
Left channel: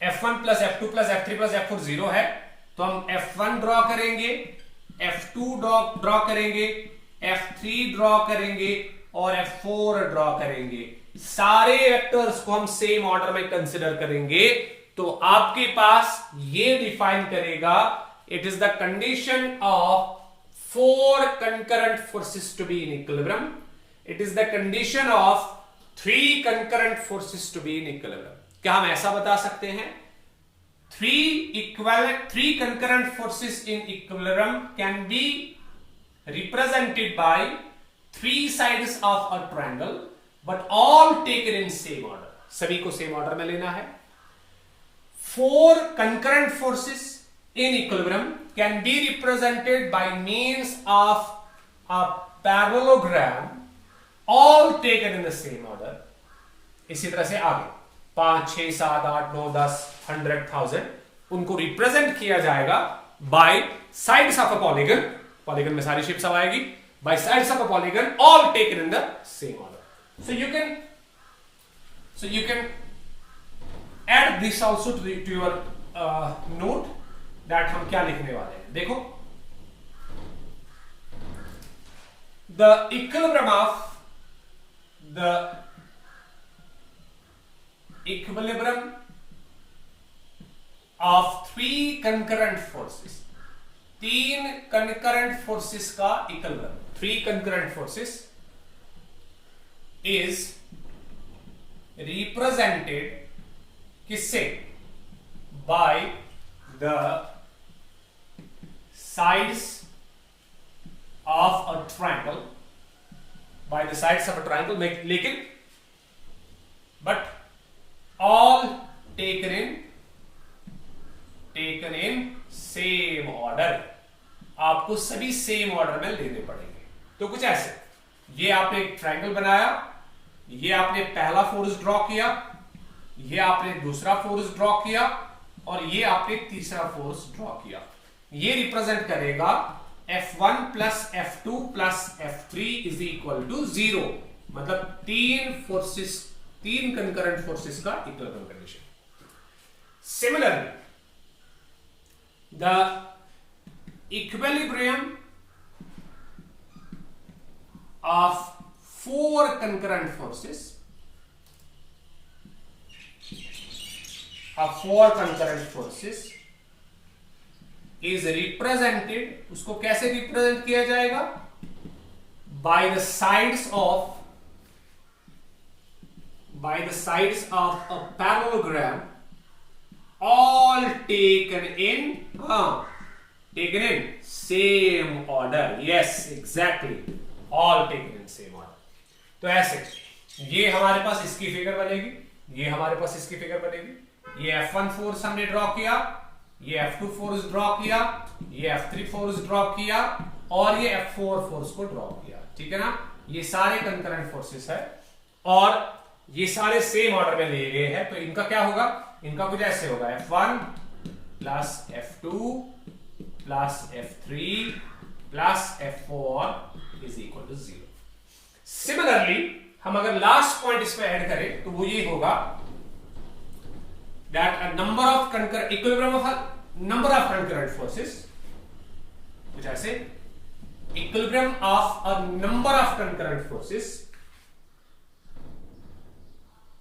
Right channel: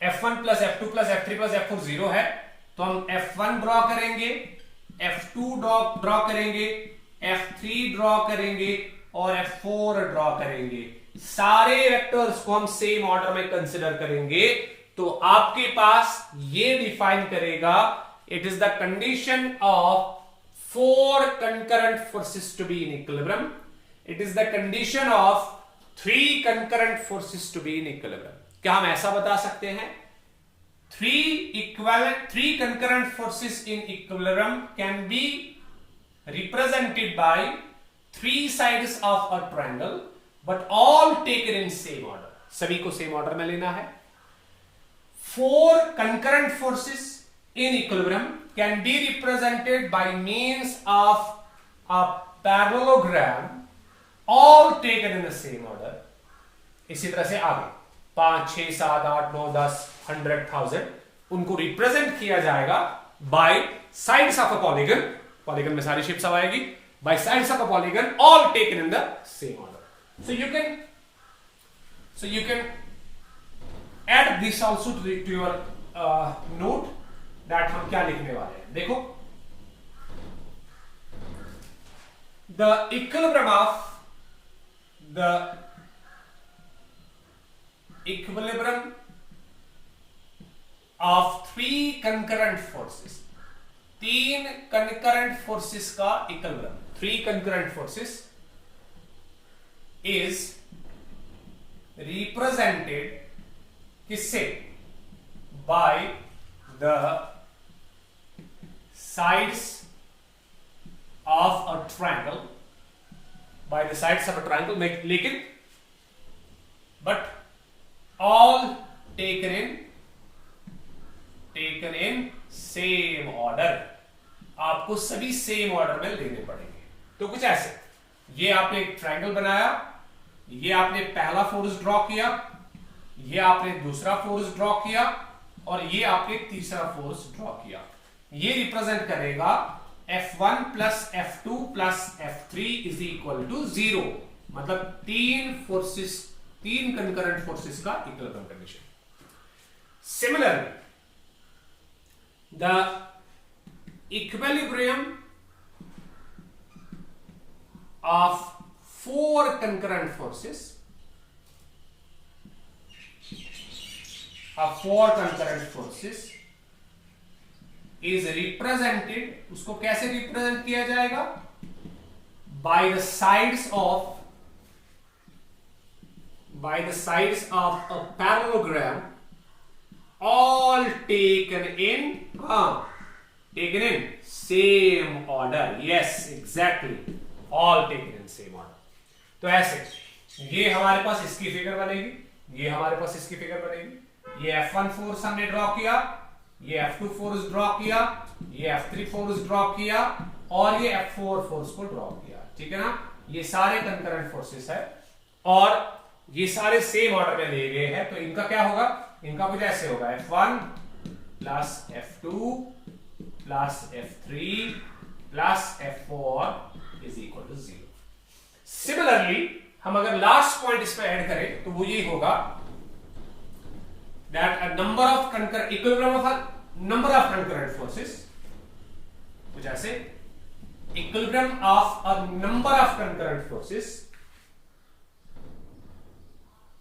F1 plus F2 plus F3 plus F4 0 है, तो हम F1 ड्रॉ करेंगे, F2 ड्रॉ करेंगे, F3 ड्रॉ करेंगे और F4 ड्रॉ करेंगे। सारे वेक्टर्स को हम सेम ऑर्डर में कंसिडर करेंगे, तो आपके पास ये डिफाइन करेगा, it is the condition of 4 concurrent forces to be in equilibrium. It is the condition of 3 concurrent forces to be in equilibrium. क्या हम ऐसा बता सकते हैं? 3 concurrent forces in equilibrium can be represented by 3 sides of a triangle, but all taken in same order. सभी को same order में लेना है। 4 concurrent forces in equilibrium can be represented by means of a parallelogram, all taken in the same order. इसी तरह से आगे 5, 6, 7, 8, 9, 10, 100, 1000 उनको रिप्रेजेंट किया जाएगा by sides of a polygon. Polygon में सारी शेप्स आएगी, by sides of a polygon, all taken in the same order. So you can add this also to your note that हम क्या लिखने वाले हैं। देखो, the equilibrium of 3 concurrent forces, 3 concurrent forces का equilibrium, 3 concurrent forces is represented किससे? by the sides of a triangle, लेकिन but all taken in same order. आपको सभी सेम ऑर्डर में लेने पड़ेंगे। तो कुछ ऐसे, ये आपने एक ट्रायंगल बनाया, ये आपने पहला फोर्स ड्रॉ किया, ये आपने दूसरा फोर्स ड्रॉ किया और ये आपने तीसरा फोर्स ड्रॉ किया। ये रिप्रेजेंट करेगा F1 plus F2 plus F3 is equal to 0। मतलब 3 कंकरेंट फोर्सेस का equilibrium condition. Similarly the equilibrium of 4 concurrent forces, of 4 concurrent forces is represented, उसको कैसे रिप्रेजेंट किया जाएगा? by the sides of a parallelogram, all taken in same order. Yes, exactly, all taken in same order. तो ऐसे ये हमारे पास इसकी figure बनेगी, ये हमारे पास इसकी फिगर बनेगी। ये F1 फोर्स हमने ड्रॉ किया, ये F2 फोर्स ड्रॉ किया, ये F3 फोर्स ड्रॉ किया और ये F4 फोर्स को ड्रॉ किया। ठीक है ना? ये सारे कंकरेंट फोर्सेस है और ये सारे सेम ऑर्डर में लिए गए हैं। तो इनका क्या होगा? इनका कुछ ऐसे होगा, F1 plus F2 plus F3 plus F4 is equal to 0। Similarly हम अगर लास्ट पॉइंट इसमें ऐड करें तो वो ये होगा that a number of equilibrium of a number of concurrent forces, which I say equilibrium of a number of concurrent forces,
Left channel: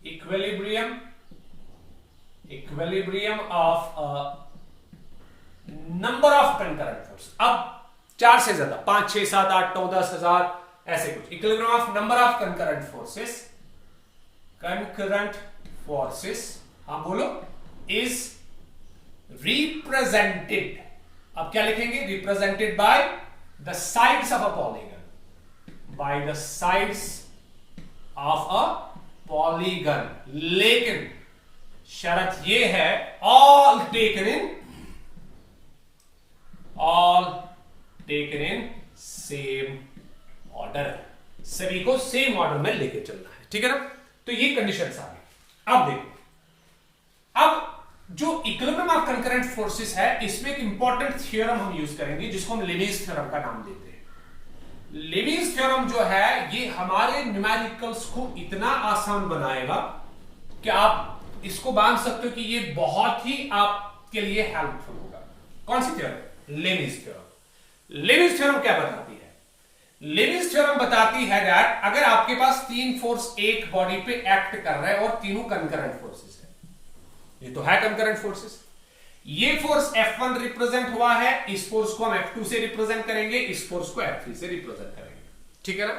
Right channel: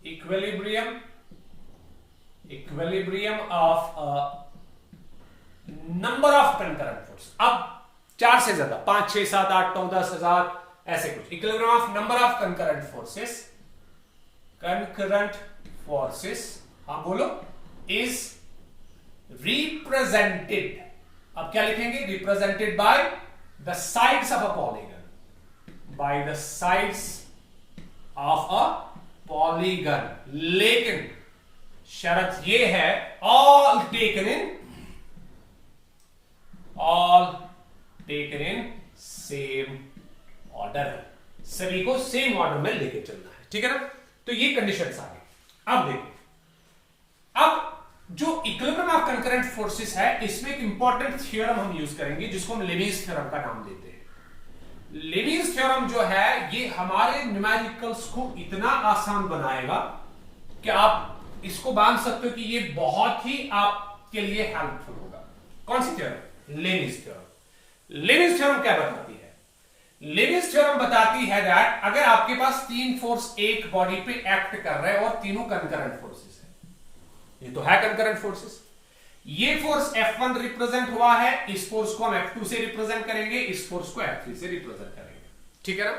equilibrium of a number of concurrent forces। अब 4 से ज्यादा 5 6 7 8 9 10 1000 ऐसे कुछ equilibrium of number of concurrent forces हाँ बोलो is represented। अब क्या लिखेंगे? represented by the sides of a polygon, by the sides of a polygon। लेकिन शर्त ये है all taken in same order, सभी को सेम ऑर्डर में लेके चलना है, ठीक है ना। तो ये कंडीशंस आ गई। अब देखो, अब जो इक्विलिब्रियम ऑफ कंकरेंट फोर्सेस है इसमें एक इंपॉर्टेंट थ्योरम हम यूज करेंगे जिसको हम लेविस थ्योरम का नाम देते हैं। लेविस थ्योरम जो है ये हमारे न्यूमेरिकल्स को इतना आसान बनाएगा कि आप इसको बांध सकते हो कि ये बहुत ही आपके लिए हेल्पफुल होगा। कौन सी theorem? Lami's theorem. Lami's theorem क्या बताती है? लेविस थ्योरम बताती है दैट अगर आपके पास 3 फोर्स एक बॉडी पे एक्ट कर रहे हैं और तीनों कंकरेंट फोर्सेस है, ये तो है कंकरेंट फोर्सेस। ये फोर्स F1 रिप्रेजेंट हुआ है, इस फोर्स को हम F2 से रिप्रेजेंट करेंगे, इस फोर्स को F3 से रिप्रेजेंट करेंगे, ठीक है ना।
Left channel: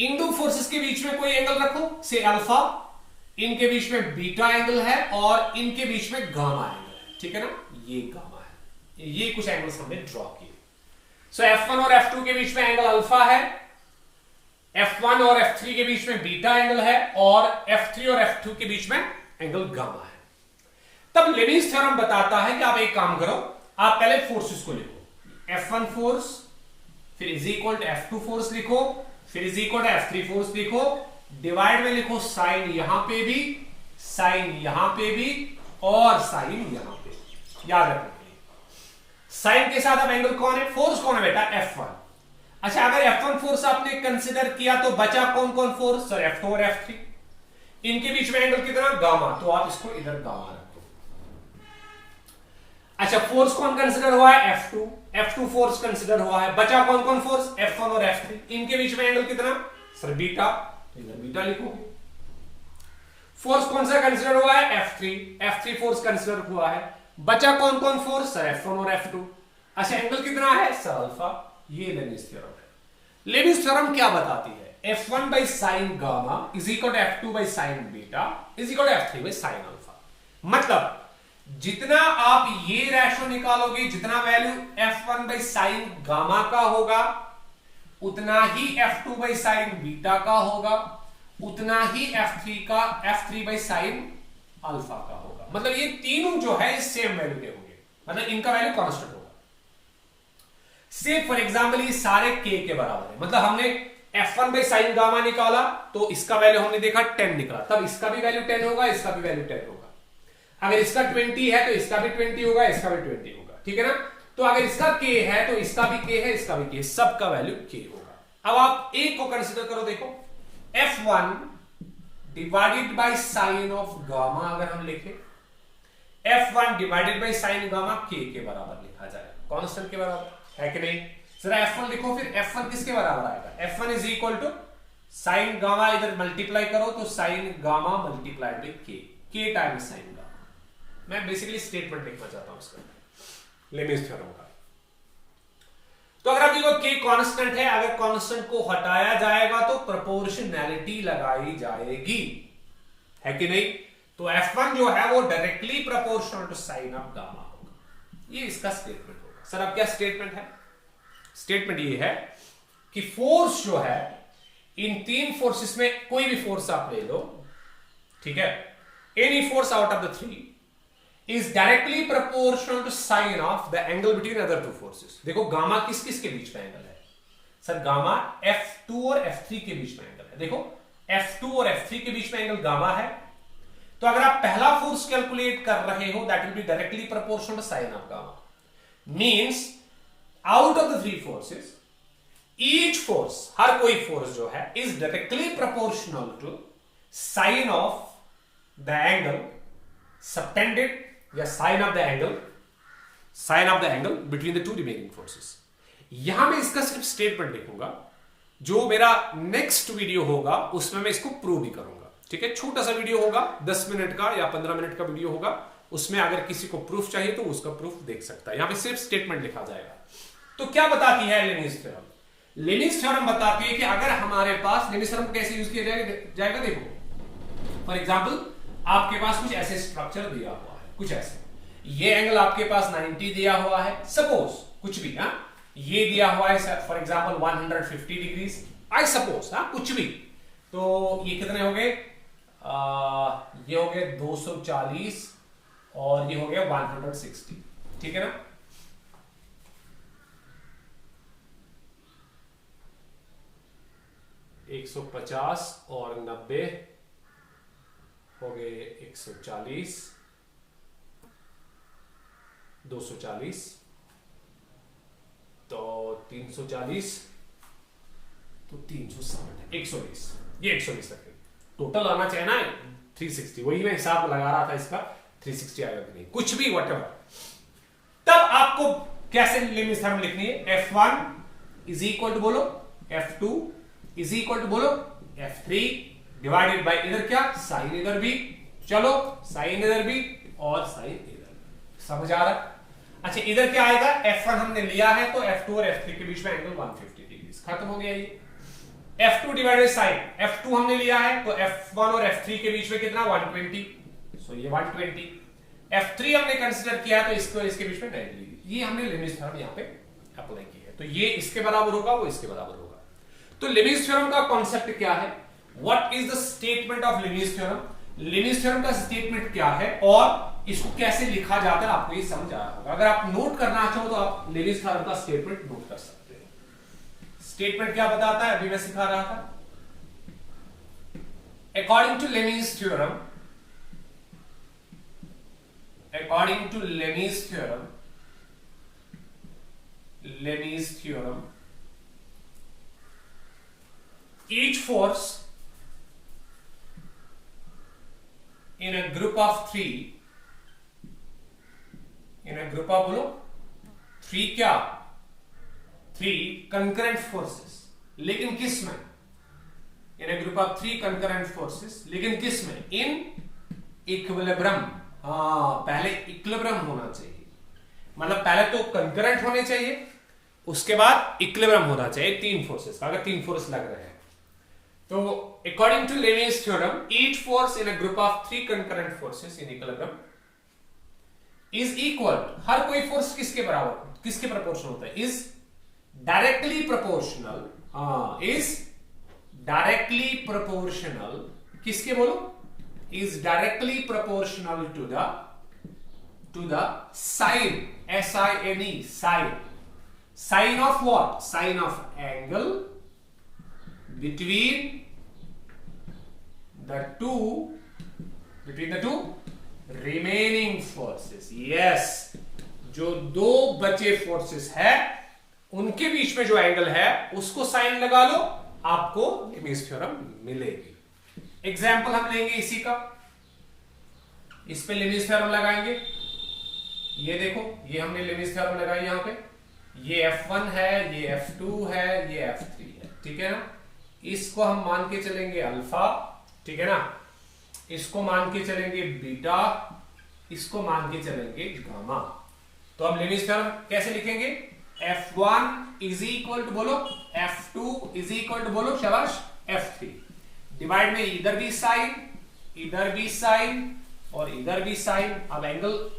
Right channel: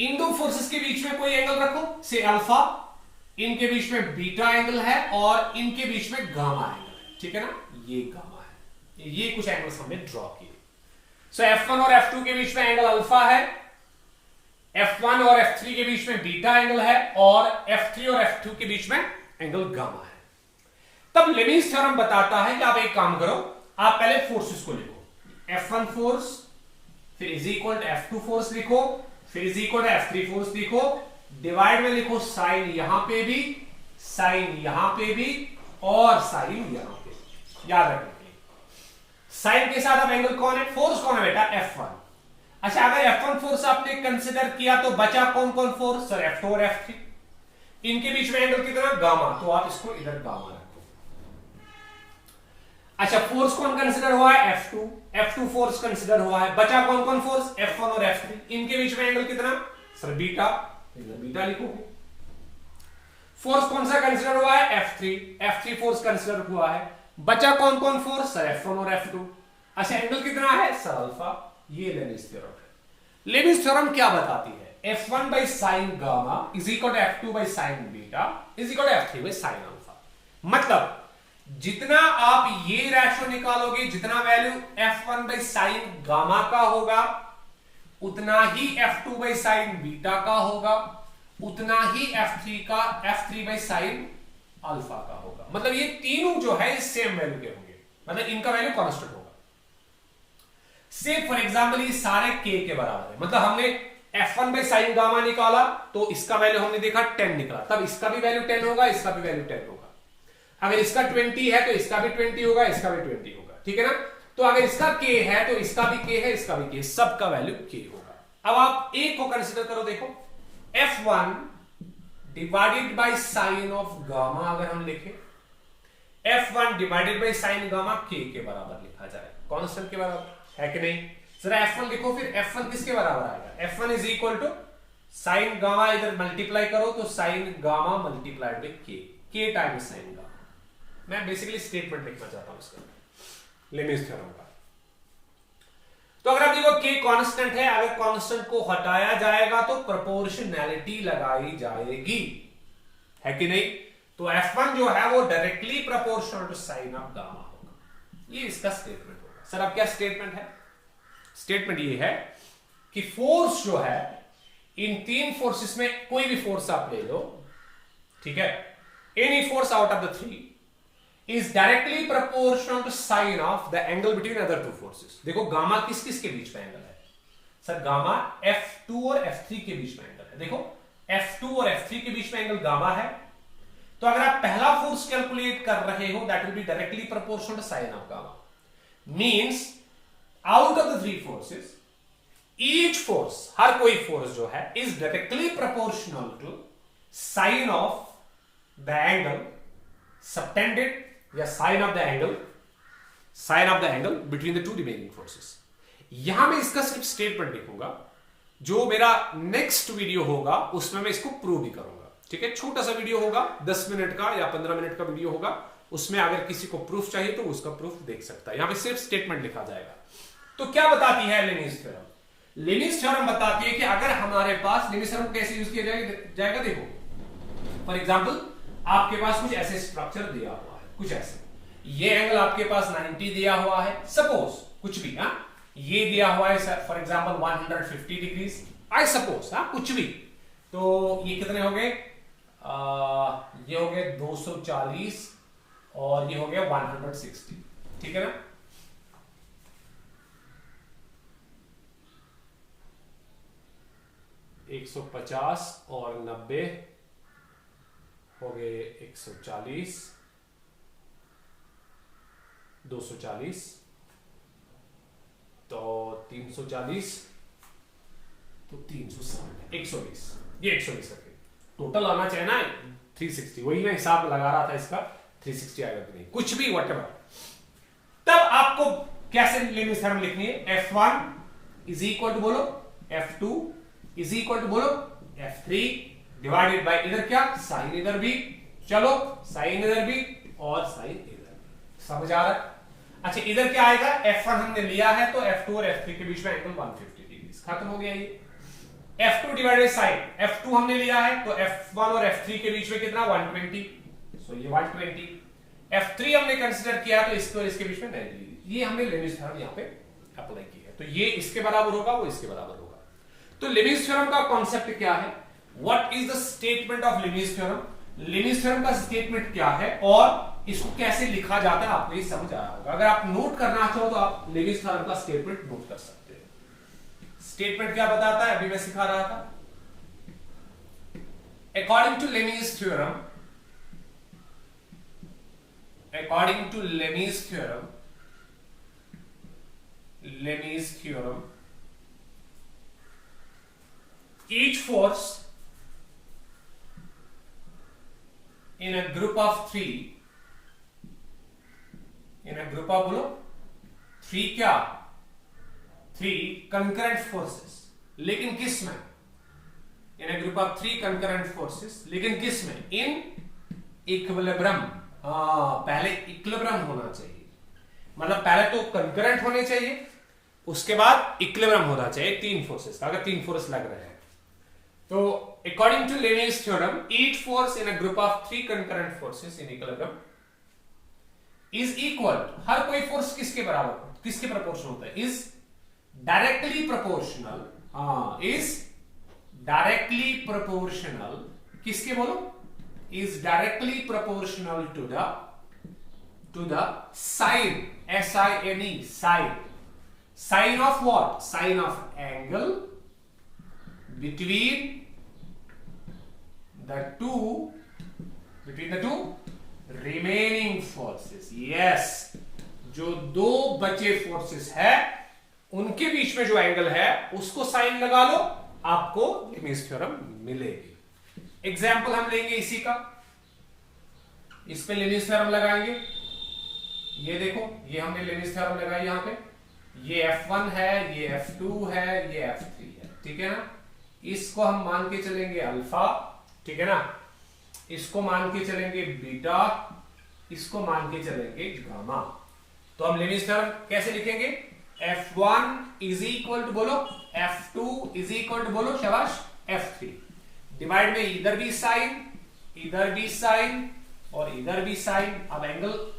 इन दो फोर्सेस के बीच में कोई एंगल रखो, से अल्फा, इनके बीच में बीटा एंगल है और इनके बीच में गामा एंगल है, ठीक है ना। ये गामा है, ये कुछ एंगल्स हमने ड्रॉ किए। सो F1 और F2 के बीच में एंगल अल्फा है, F1 और F3 के बीच में बीटा एंगल है और F3 और F2 के बीच में एंगल गामा है। तब लेविस थ्योरम बताता है कि आप एक काम करो, आप पहले फोर्सेस को लिखो, F1 फोर्स, फिर is equal to F2 force लिखो, फिर is equal to F3 force लिखो, डिवाइड में लिखो साइन यहां पे भी, साइन यहां पे भी और साइन यहां पे। याद रखना, साइन के साथ अब एंगल कौन है? फोर्स कौन है बेटा? F1। अच्छा, अगर F1 फोर्स आपने कंसिडर किया तो बचा कौन कौन फोर्स? सर F2 और F3। इनके बीच में एंगल कितना? गामा, तो आप इसको इधर गामा रखो। अच्छा, फोर्स कौन कंसिडर हुआ है? F2। F2 फोर्स कंसिडर हुआ है, बचा कौन कौन फोर्स? F1 और F3। इनके बीच में एंगल कितना? सर बीटा, इधर बीटा लिखो। फोर्स कौन सा कंसिडर हुआ है? F3। F3 फोर्स कंसिडर हुआ है, बचा कौन कौन फोर्स? सर F1 और F2। अच्छा, एंगल कितना है? Sir alpha. ये लेविस थ्योरम है। लेविस थ्योरम क्या बताती है? F1 by sin gamma is equal to F2 by sin beta is equal to F3 by sin alpha. मतलब जितना आप ये रेशो निकालोगे, जितना value F1 by sin gamma का होगा, उतना ही F2 by sin बीटा का होगा, उतना ही F3 by sin अल्फा का होगा। मतलब ये तीनों जो है सेम वैल्यू के होंगे, मतलब इनका वैल्यू कांस्टेंट होगा। से फॉर एग्जांपल ये सारे k के बराबर है, मतलब हमने F1 by sin गामा निकाला तो इसका वैल्यू हमने देखा 10 निकला, तब इसका भी वैल्यू 10 होगा, इसका भी वैल्यू 10 होगा। अगर इसका 20 है तो इसका भी 20 होगा, इसका भी 20 होगा, ठीक है ना। तो अगर इसका k है तो इसका भी k है, इसका भी k, सबका वैल्यू k होगा। अब आप एक को कंसिडर करो, देखो F1 divided by sign of gamma अगर हम लिखें, F1 divided by sign gamma k के बराबर लिखा जाए, कांस्टेंट के बराबर है कि नहीं। जरा F1 लिखो, फिर F1 किसके बराबर आएगा? F1 is equal to sine gamma, इधर मल्टीप्लाई करो तो sine gamma multiplied by k times sine gamma. मैं बेसिकली स्टेटमेंट लिखना चाहता हूं इसका, लेविस थ्योरम का। तो अगर आप देखो k कांस्टेंट है, अगर कांस्टेंट को हटाया जाएगा तो प्रोपोर्शनैलिटी लगाई जाएगी, है कि नहीं। तो F1 जो है वो directly proportional to sine of gamma होगा, ये इसका स्टेटमेंट होगा। सर अब क्या स्टेटमेंट है? स्टेटमेंट ये है कि फोर्स जो है इन तीन फोर्सेस में कोई भी फोर्स आप ले लो, ठीक है, any force out of the three is directly proportional to sine of the angle between other two forces. देखो गामा किस किस के बीच में एंगल है? सर गामा F2 और F3 के बीच में एंगल है। देखो F2 और F3 के बीच में एंगल गामा है, तो अगर आप पहला फोर्स कैलकुलेट कर रहे हो that will be directly proportional to sine of gamma. Means out of the three forces each force, हर कोई फोर्स जो है, is directly proportional to sine of the angle subtended या sine of the angle between the two remaining forces. यहां मैं इसका सिर्फ statement लिखूंगा, जो मेरा नेक्स्ट वीडियो होगा उसमें मैं इसको प्रूव भी करूंगा। ठीक है, छोटा सा वीडियो होगा, 10 मिनट का या 15 मिनट का वीडियो होगा, उसमें अगर किसी को प्रूफ चाहिए तो उसका प्रूफ देख सकता है। यहां पे सिर्फ स्टेटमेंट लिखा जाएगा। तो क्या बताती है लेनिज थ्योरम? लेनिज थ्योरम बताती है कि अगर हमारे पास, लेनिज थ्योरम कैसे यूज किया जाएगा देखो, फॉर एग्जाम्पल आपके पास कुछ ऐसे स्ट्रक्चर दिया हुआ है, कुछ ऐसे, ये एंगल आपके पास 90 दिया हुआ है, सपोज कुछ भी, ये दिया हुआ है for example 150 degrees, I suppose, कुछ भी। तो ये कितने हो गए? ये हो गए 240 और ये हो गया 160, ठीक है ना। एक 150 और 90 हो गए 140, 240, तो 340, तो 360, 120, ये 120 रखे। टोटल आना चाहिए ना 360, वही मैं हिसाब लगा रहा था इसका, 360 आएगा कि नहीं, कुछ भी व्हाटएवर। तब आपको कैसे लेनिज थ्योरम लिखनी है? F1 इज इक्वल टू बोलो F2 इज इक्वल टू बोलो F3 डिवाइडेड बाय इधर क्या, साइन इधर भी, चलो साइन इधर भी और साइन इधर भी। समझ आ रहा है? अच्छा, इधर क्या आएगा? F1 हमने लिया है तो F2 और F3 के बीच में एंगल 150 डिग्री, खत्म हो गया ये। F2 डिवाइडेड साइन, F2 हमने लिया है तो F1 और F3 के बीच में कितना, 120, सो ये 120। F3 हमने कंसीडर किया तो इसको इसके बीच में 90 डिग्री। ये हमने लेनिज थ्योरम यहां पे अप्लाई की है, तो ये इसके बराबर होगा, वो इसके बराबर होगा। तो लेनिज थ्योरम का कॉन्सेप्ट क्या है? What is the statement of Lami's theorem? Lami's theorem का स्टेटमेंट क्या है और इसको कैसे लिखा जाता है, आपको ये समझ आ रहा होगा। अगर आप नोट करना चाहो तो आप लेनिज थ्योरम का स्टेटमेंट नोट कर सकते हो। स्टेटमेंट क्या बताता है, अभी मैं सिखा रहा था। According to Lami's theorem, according to Lenis theorem, each force in a group of three, in a group of बोलो 3 क्या, 3 concurrent forces, लेकिन किस में? in a group of 3 concurrent forces, लेकिन किस में? in equilibrium। पहले इक्विलिब्रियम होना चाहिए, मतलब पहले तो कंकरेंट होने चाहिए, उसके बाद इक्विलिब्रियम होना चाहिए 3 फोर्सेस का, अगर 3 फोर्स लग रहे हैं तो। According to Lami's theorem, each force in a group of 3 concurrent forces in equilibrium is equal, हर कोई फोर्स किसके बराबर, किसके प्रोपोर्शनल होता है? Is directly proportional, is directly proportional, किसके बोलो? is directly proportional to the sine, S-I-N-E, sine of what? Sine of angle between the two remaining forces। yes, जो 2 बचे फोर्सेस है उनके बीच में जो एंगल है उसको साइन लगा लो, आपको लेनिज थ्योरम मिलेगी। एग्जाम्पल हम लेंगे इसी का, इस पे लेनिज थ्योरम लगाएंगे। ये देखो, ये हमने लेनिज थ्योरम लगाई यहां पे, ये F1 है, ये F2 है, ये F3 है, ठीक है ना। इसको हम मान के चलेंगे अल्फा, ठीक है ना, इसको मान के चलेंगे बीटा, इसको मान के चलेंगे गामा। तो हम लेनिज थ्योरम कैसे लिखेंगे? F1 इज इक्वल टू बोलो F2 इज इक्वल टू बोलो शाबाश F3, डिवाइड में इधर भी साइन और इधर भी साइन। अब एंगल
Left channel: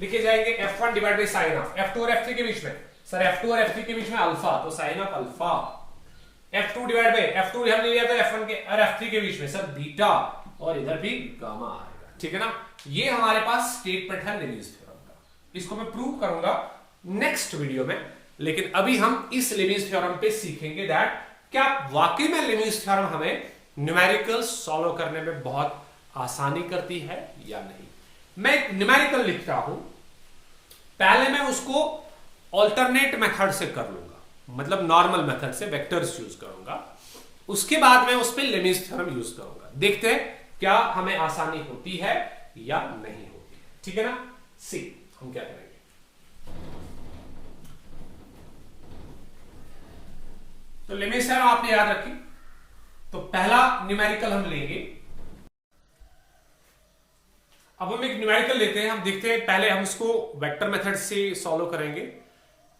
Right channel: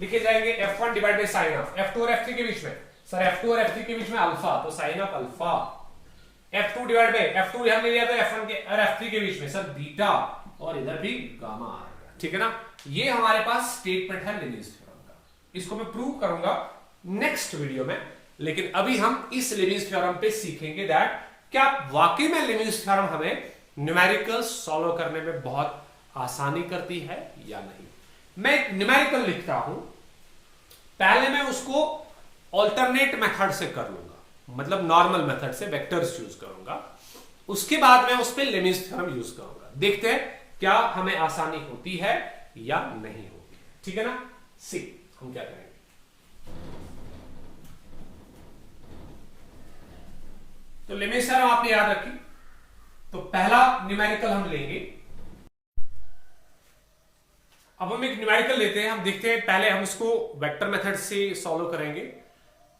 लिखे जाएंगे F1 divide by sine of F2 और F3 के बीच में, सर F2 और F3 के बीच में अल्फा, तो sine of alpha. F2 divide by F2 हमने लिया था F1 के और F3 के बीच में, सर बीटा, और इधर भी गामा आएगा, ठीक है ना। ये हमारे पास स्टेटमेंट है लेनिज थ्योरम का, इसको मैं प्रूव करूंगा नेक्स्ट वीडियो में। लेकिन अभी हम इस लेनिज थ्योरम पे सीखेंगे दैट क्या वाकई में लेनिज थ्योरम हमें न्यूमेरिकल सॉल्व करने में बहुत आसानी करती है या नहीं। मैं एक न्यूमेरिकल लिखता हूं, पहले मैं उसको ऑल्टरनेट मेथड से कर लूंगा, मतलब नॉर्मल मेथड से वेक्टर्स यूज करूंगा, उसके बाद मैं उस पर लेमिस थ्योरम यूज करूंगा। देखते हैं क्या हमें आसानी होती है या नहीं होती है, ठीक है ना। सी हम क्या करेंगे, तो लेमिस थ्योरम आपने याद रखी। तो पहला न्यूमेरिकल हम लेंगे, अब हम एक न्यूमेरिकल लेते हैं, हम देखते हैं पहले हम इसको वेक्टर मेथड से सॉल्व करेंगे,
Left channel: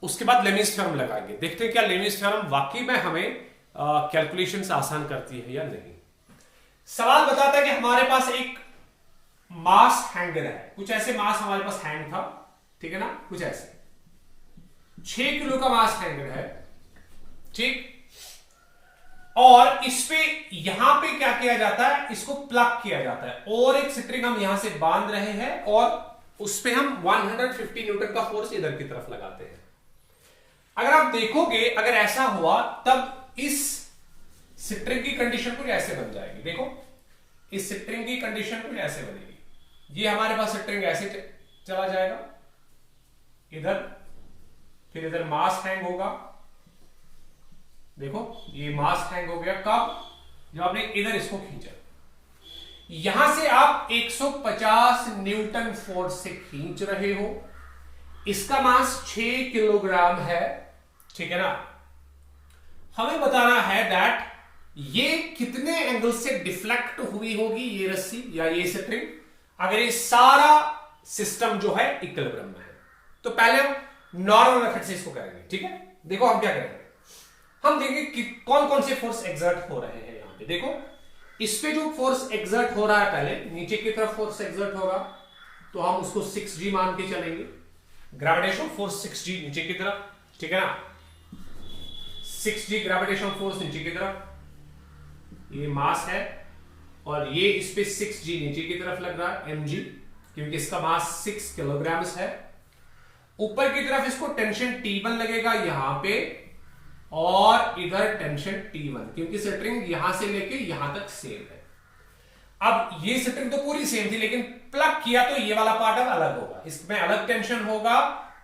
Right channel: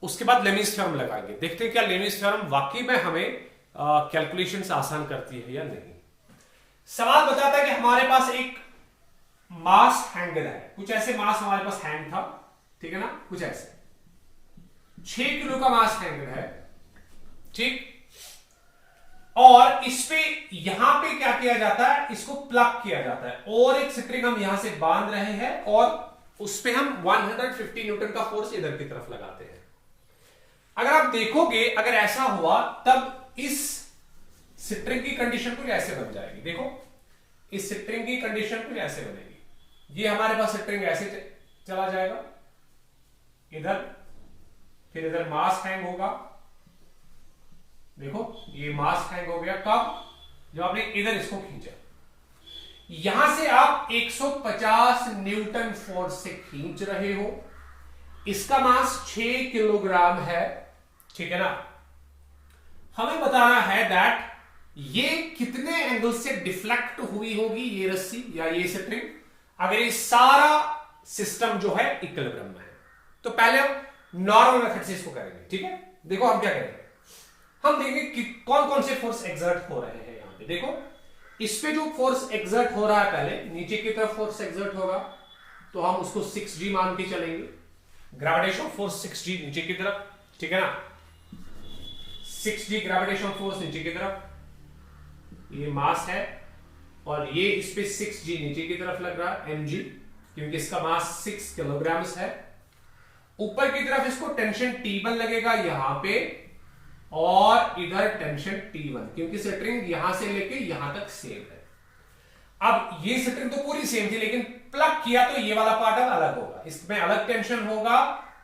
उसके बाद लेमिस थ्योरम लगाएंगे, देखते हैं क्या लेमिस थ्योरम वाकई में हमें कैलकुलेशंस आसान करती है या नहीं। सवाल बताता है कि हमारे पास एक मास हैंगर है, कुछ ऐसे मास हमारे पास हैंग था, ठीक है ना, कुछ ऐसे 6 किलो का मास हैंगर है, ठीक। और इस पे यहां पे क्या किया जाता है, इसको प्लग किया जाता है और एक स्ट्रिंग हम यहां से बांध रहे हैं और उस पे हम 150 न्यूटन का फोर्स इधर की तरफ लगाते हैं। अगर आप देखोगे, अगर ऐसा हुआ तब इस स्ट्रिंग की कंडीशन कुछ ऐसे बन जाएगी। देखो इस स्ट्रिंग की कंडीशन कुछ ऐसे बनेगी, ये हमारे पास स्ट्रिंग ऐसे चला जाएगा इधर, फिर इधर मास हैंग होगा, देखो ये मास हैंग हो गया कब, जब आपने इधर इसको खींचा, यहां से आप 150 न्यूटन फोर्स से खींच रहे हो, इसका मास 6 किलोग्राम है, ठीक है ना। हमें बताना है दैट ये कितने एंगल से डिफ्लेक्ट हुई होगी ये रस्सी या ये स्ट्रिंग, अगर ये सारा सिस्टम जो है इक्विलिब्रियम में है। तो पहले हम नॉर्मल मेथड से इसको करेंगे, ठीक है। देखो हम क्या करेंगे, हम देखेंगे कि कौन कौन से फोर्स एग्जर्ट हो रहे हैं यहां पे। देखो इस पे जो फोर्स एग्जर्ट हो रहा है, पहले नीचे की तरफ फोर्स एग्जर्ट होगा तो हम उसको 6G मान के चलेंगे, ग्रेविटेशन फोर्स 6G नीचे की तरफ, ठीक है ना, 6G ग्रेविटेशन फोर्स नीचे की तरफ, ये मास है और ये इस पे 6G नीचे की तरफ लग रहा है mg, क्योंकि इसका मास 6 किलोग्राम है। ऊपर की तरफ इसको टेंशन T1 लगेगा यहां पे और इधर टेंशन T1, क्योंकि स्ट्रिंग यहां से लेके यहां तक सेम है। अब ये स्ट्रिंग तो पूरी सेम थी, लेकिन प्लग किया तो ये वाला पार्ट अब अलग होगा, इसमें अलग टेंशन होगा,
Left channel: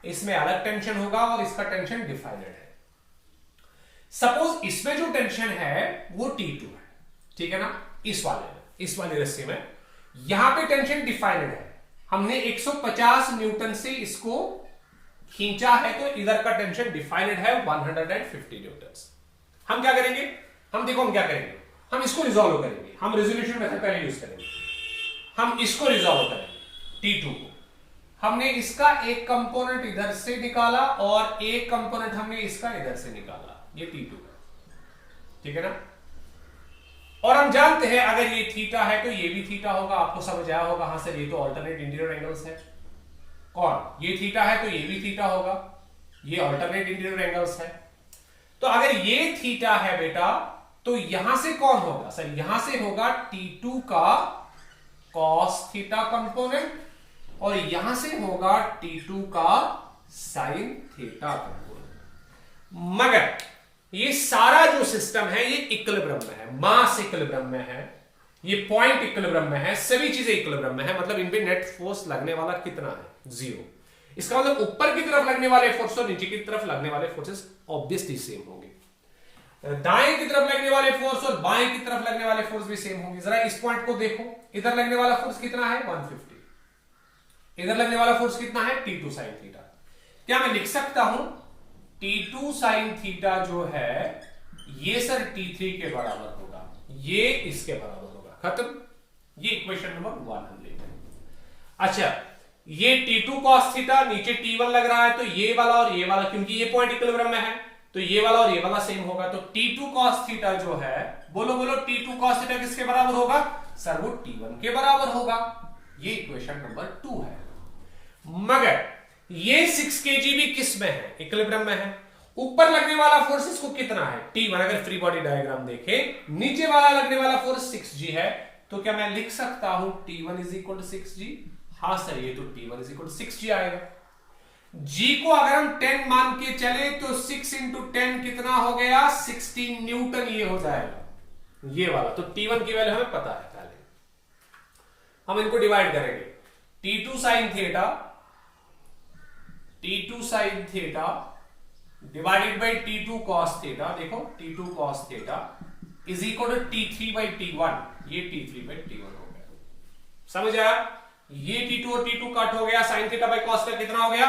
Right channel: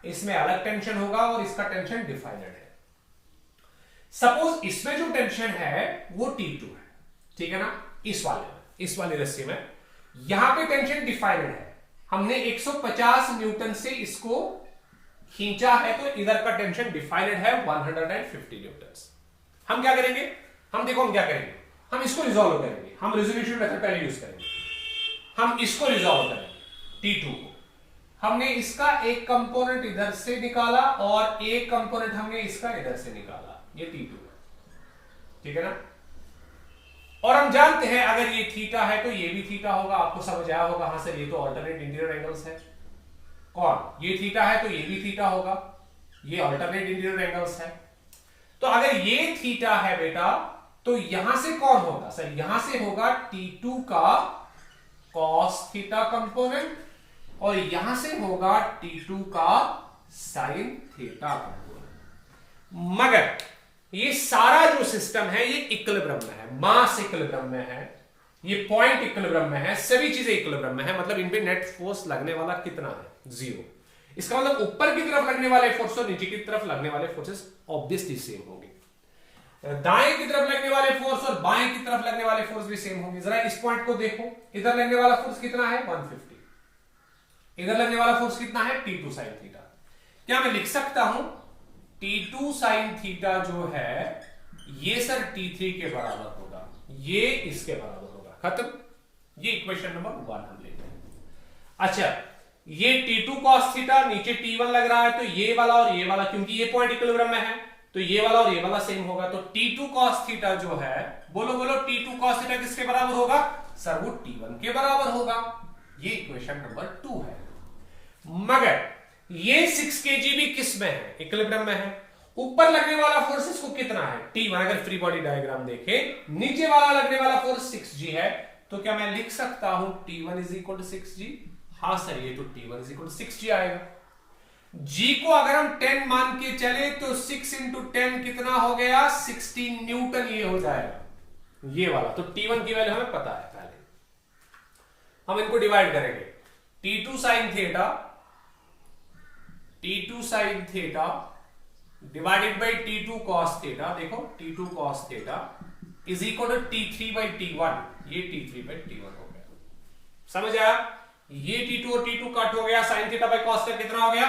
इसमें अलग टेंशन होगा और इसका टेंशन डिफाइनेड है। सपोज इसमें जो टेंशन है वो T2 है, ठीक है ना, इस वाले रस्सी में यहां पे टेंशन डिफाइनेड है, हमने 150 न्यूटन से इसको खींचा है तो इधर का टेंशन डिफाइनेड है 150 न्यूटन। हम क्या करेंगे, हम देखो हम क्या करेंगे, हम इसको रिजॉल्व करेंगे, हम रेजोल्यूशन मेथड पहले यूज करेंगे, हम इसको रिजॉल्व करेंगे T2 को। हमने इसका एक कंपोनेंट इधर से निकाला और एक कंपोनेंट हमने इसका इधर से निकाला, ये T2 है, ठीक है ना। और हम जानते हैं अगर ये थीटा है तो ये भी थीटा होगा, आपको समझ आया होगा, हाँ सर ये तो ऑल्टरनेट इंटीरियर एंगल्स है, कौन, ये थीटा है तो ये भी थीटा होगा, ये ऑल्टरनेट इंटीरियर एंगल्स है। तो अगर ये थीटा है बेटा तो यहां से कौन होगा सर, यहां से होगा T2 का cos थीटा कंपोनेंट और यहां से होगा T2 का sin थीटा कंपोनेंट। मगर ये सारा जो सिस्टम है ये इक्विलिब्रियम में है, मास इक्विलिब्रियम में है, ये पॉइंट इक्विलिब्रियम में है, सभी चीजें इक्विलिब्रियम में है, मतलब इन पे नेट फोर्स लगने वाला कितना है, 0। इसका मतलब ऊपर की तरफ लगने वाले फोर्स और नीचे की तरफ लगने वाले फोर्सेस ऑब्वियसली सेम होंगे, दाएं की तरफ लगने वाले फोर्स और बाएं की तरफ लगने वाले फोर्स भी सेम होंगे। जरा इस पॉइंट को देखो, इधर लगने वाला फोर्स कितना है 150, इधर लगने वाला फोर्स कितना है T2 sin थीटा। क्या मैं लिख सकता हूं T2 sin थीटा जो है ये सर T3 के बराबर होगा, ये इसके बराबर होगा, खत्म। ये इक्वेशन नंबर 1 हम लेते हैं। अच्छा ये T2 cos थीटा, नीचे T1 लग रहा है तो ये वाला और ये वाला, क्योंकि ये पॉइंट इक्विलिब्रियम में है तो ये वाला और ये वाला सेम होगा, तो T2 cos थीटा जो है, बोलो बोलो T2 cos थीटा किसके बराबर होगा सर, वो T1 के बराबर होगा। ये इक्वेशन नंबर 2 है। मगर ये 6 kg भी किस में है, इक्विलिब्रियम में है। ऊपर लगने वाला फोर्स इसको कितना है T1, अगर फ्री बॉडी डायग्राम देखें, नीचे वाला लगने वाला फोर्स 6G है, तो क्या मैं लिख सकता हूं T1 is equal to 6G? हाँ सर ये तो T1 is equal to 6G आएगा। G को अगर हम 10 मान के चले तो 6 इंटू 10 कितना हो गया 16 न्यूटन, ये हो जाएगा ये वाला। तो T1 की वैल्यू हमें पता है, पहले हम इनको डिवाइड करेंगे, T2 sin theta T2 sine theta divided by T2 cos theta, देखो T2 cos theta is equal to T3 by T1, ये T3 बाई T1 हो गया। समझ आया? ये T2 और T2 कट हो गया, sine theta by cos theta कितना हो गया?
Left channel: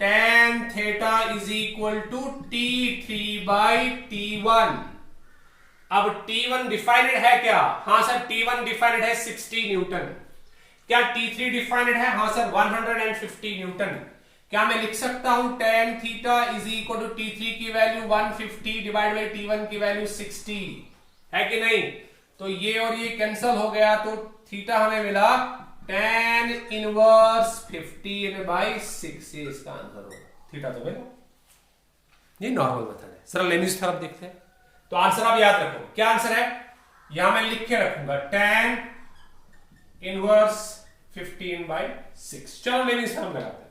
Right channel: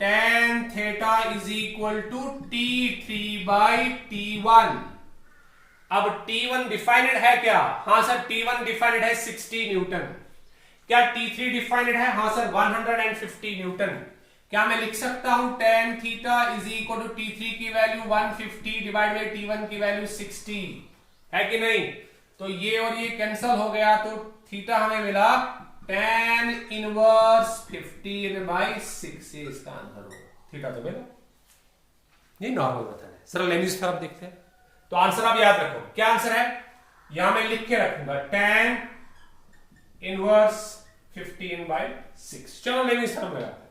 tan theta is equal to T3 by T1। अब T1 डिफाइनेड है क्या? हाँ सर, T1 डिफाइनेड है 60 न्यूटन। क्या T3 डिफाइनेड है? हाँ सर, 150 न्यूटन। क्या मैं लिख सकता हूं tan theta is equal to T3 की वैल्यू 150 डिवाइड बाई T1 की वैल्यू 60, है कि नहीं? तो ये और ये कैंसल हो गया, तो थीटा हमें मिला tan इनवर्स 15 बाई 6, ये इसका आंसर होगा। थीटा तो मिला, ये नॉर्मल मेथड है। सर लेनिज थ्योरम देखते हैं, तो आंसर आप याद रखो। क्या आंसर है? यहां मैं लिख के रखूंगा tan इनवर्स 15 बाई 6। चलो लेनिज थ्योरम लगाते हैं,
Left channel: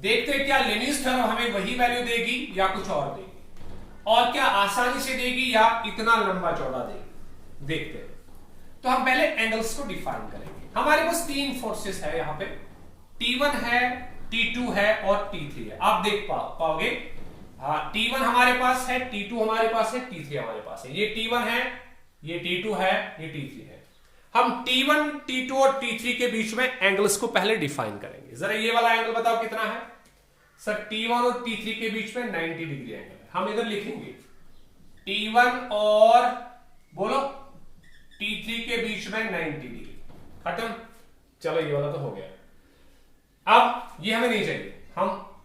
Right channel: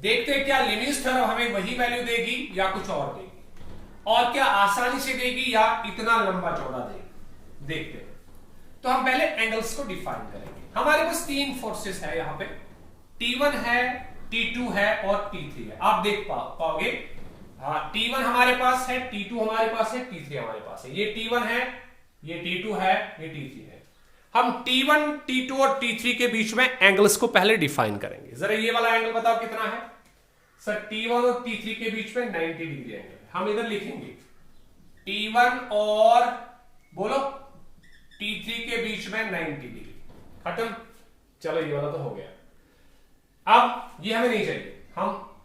देखते हैं क्या लेनिज थ्योरम हमें वही वैल्यू देगी या कुछ और देगी, और क्या आसानी से देगी या इतना लंबा चौड़ा देगी। देखते हैं। तो हम पहले एंगल्स को डिफाइन करेंगे। हमारे पास तीन फोर्सेस है यहां पे, T1 है, T2 है और T3 है। आप देख पाओगे, हाँ, T1 हमारे पास है, T2 हमारे पास है, T3 हमारे पास है। ये T1 है, ये T2 है, ये T3 है। हम T1, T2 और T3 के बीच में एंगल्स को पहले डिफाइन करेंगे। जरा ये वाला एंगल बताओ कितना है? सर T1 और T3 के बीच में 90 डिग्री एंगल है। हम इधर लिखेंगे T1 और बोलो T3 के बीच में 90 डिग्री, खत्म। चलो ये वाला तो हो गया। अब ये हमें नहीं चाहिए, हम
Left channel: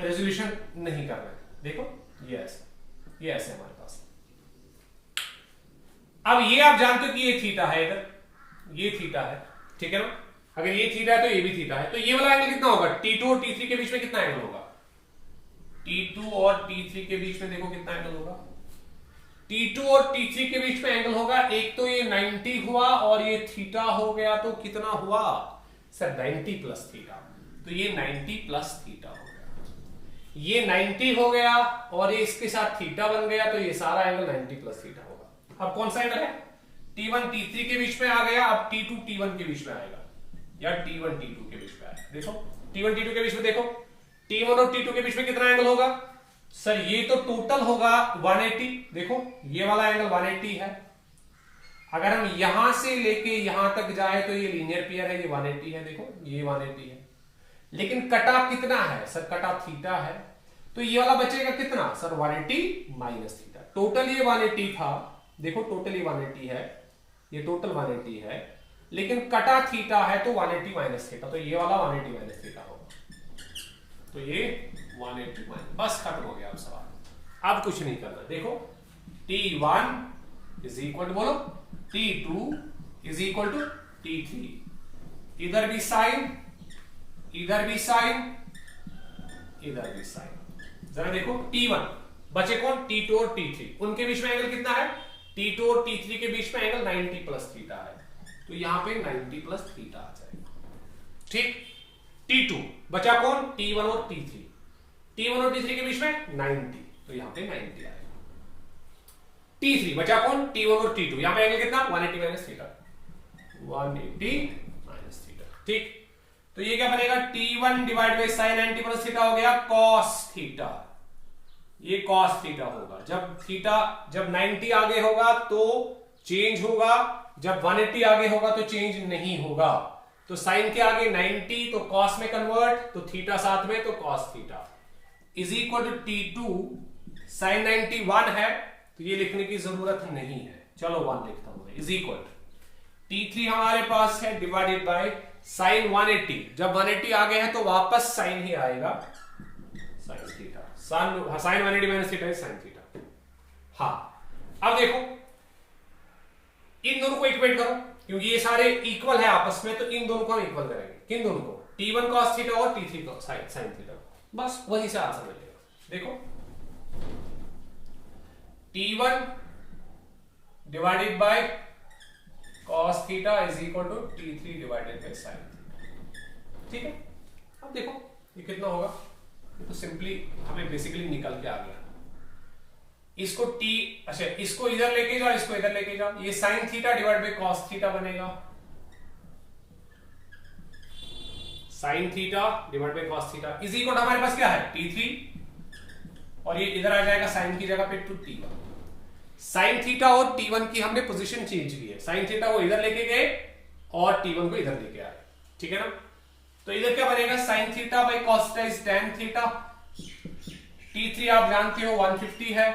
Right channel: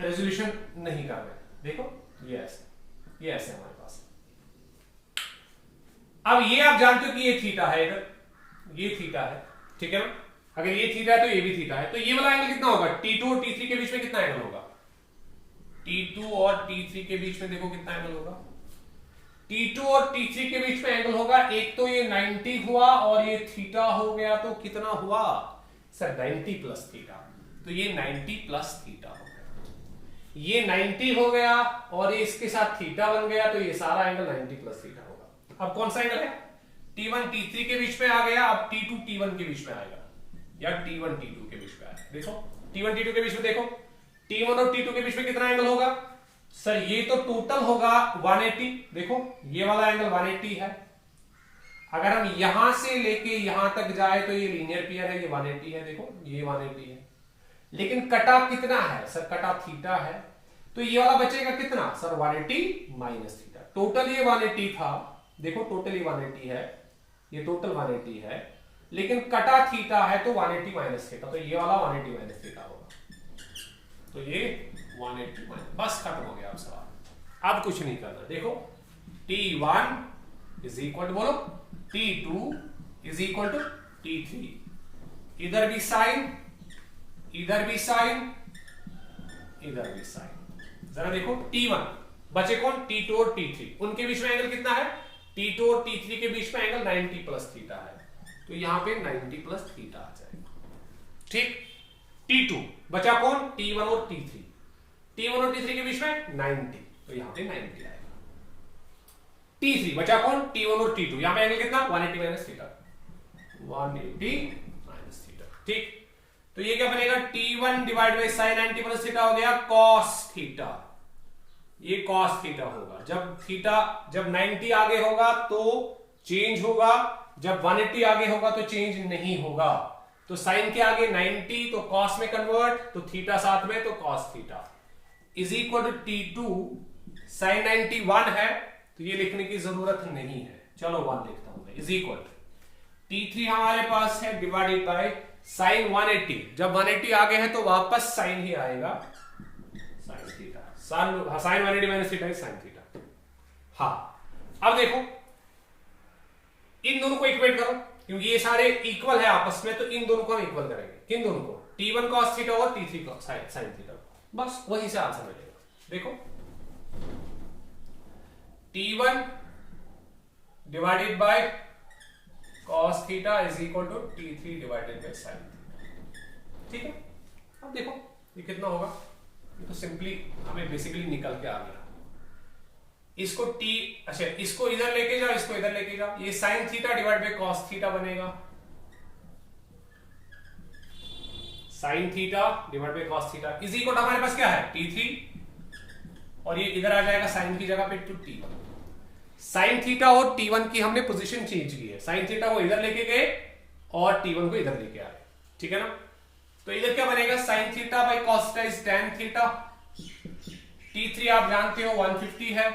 रेजोल्यूशन नहीं कर रहे। देखो ये ऐसे हमारे पास। अब ये आप जानते हो कि ये थीटा है, इधर ये थीटा है, ठीक है ना? अगर ये थीटा है तो ये भी थीटा है। तो ये वाला एंगल कितना होगा? T2 और T3 के बीच में कितना एंगल होगा? T2 और T3 के बीच में देखो कितना एंगल होगा। T2 और T3 के बीच में एंगल होगा, एक तो ये 90 हुआ और ये थीटा हो गया, तो कितना हुआ सर? 90 plus theta. तो ये 90 प्लस थीटा हो गया, ये 90 हो गया और ये इसके साथ थीटा बन गया, तो ये सारा एंगल 90 प्लस थीटा होगा। अब कौन सा एंगल है? T1 T3 के बीच में आ गया, अब T2 T1 के बीच में आएगा, या T1 T2 के बीच में आएगा। देखो T1 T2 के बीच में, देखो T1 और T2 के बीच में कितना एंगल होगा? सर ये तो टोटल होगा 180। देखो ये वाला एंगल 180 है। अगर हम यहां से लेके यहां तक जाए तो ये लीनियर पेयर है, ये 180 है। देखो ये 180 है, लेकिन कटा कितना है? सर कटा थीटा है, तो ये वाला बचेगा कितना? Sir 180 minus theta. टोटल ये 180 था, देखो टोटल ये 180 है, ये टोटल 180 है, लेकिन कटा थीटा है तो 180 माइनस थीटा, तो ये वाला 180 माइनस थीटा होगा। तो ये 180 माइनस, बस खत्म हो गया अब सवाल। अब कुछ नहीं करना। देखो T1 इज इक्वल टू, बोलो T2 is equal to T3, इधर भी साइन, इधर भी साइन, इधर भी साइन। जरा देखो T1 बचे कौन? T2 और T3, उनके बीच में एंगल कितना है? T2 और T3 के बीच में एंगल 90 प्लस थीटा है, तो यहां पे 90 प्लस थीटा आ जाएगा, ठीक। T2 बचा कौन? T1 और T3, T1 और T3 के बीच में 90, तो यहां पे 90 आएगा। T3 बचा कौन? T1 और T2, यहां पे एंगल कितना? 180 माइनस थीटा, 180 माइनस थीटा, ठीक। तो ये क्या बनेगा? T1 divide by sine 90 plus theta हो गया cos थीटा, ये cos थीटा होगा। जब 90 आगे होगा तो चेंज होगा, जब 180 आगे होगा तो चेंज नहीं होगा। तो साइन के आगे 90 तो cos में कन्वर्ट, तो थीटा साथ में, तो cos theta is equal to T2 sine 90 1 है, तो ये लिखने की जरूरत नहीं है। चलो 1 लिखता हूं मैं, इज इक्वल T3 हमारे पास है डिवाइडेड बाय साइन 180। जब 180 आगे है तो वापस साइन ही आएगा, sine theta. Sine 180 minus theta is sine theta. हाँ अब देखो इन दोनों को इक्वेट करो, क्योंकि ये सारे इक्वल है आपस में, तो इन दोनों को हम इक्वल करेंगे। किन दोनों को? T1 cos थीटा और T3 साइन थीटा, बस वही से आंसर मिलेगा। देखो T1 divided by cos theta is equal to T3 divided by sine theta, ठीक है। अब देखो ये कितना होगा, ये तो सिंपली हमें बेसिकली निकल के आ गया। इसको अच्छा इसको इधर लेके जाओ, इसको इधर लेके जाओ, ये sine theta divide by cos theta बनेगा, sine theta divide by cos theta is equal हमारे पास क्या है T3 और ये इधर आ जाएगा साइन की जगह पे टू T1। साइन थीटा और T1 की हमने पोजीशन चेंज की है, साइन थीटा को इधर लेके गए और T1 को इधर लेके आए, ठीक है ना। तो इधर क्या बनेगा sine theta by cos theta is tan theta. T3 आप जानते हो 150 है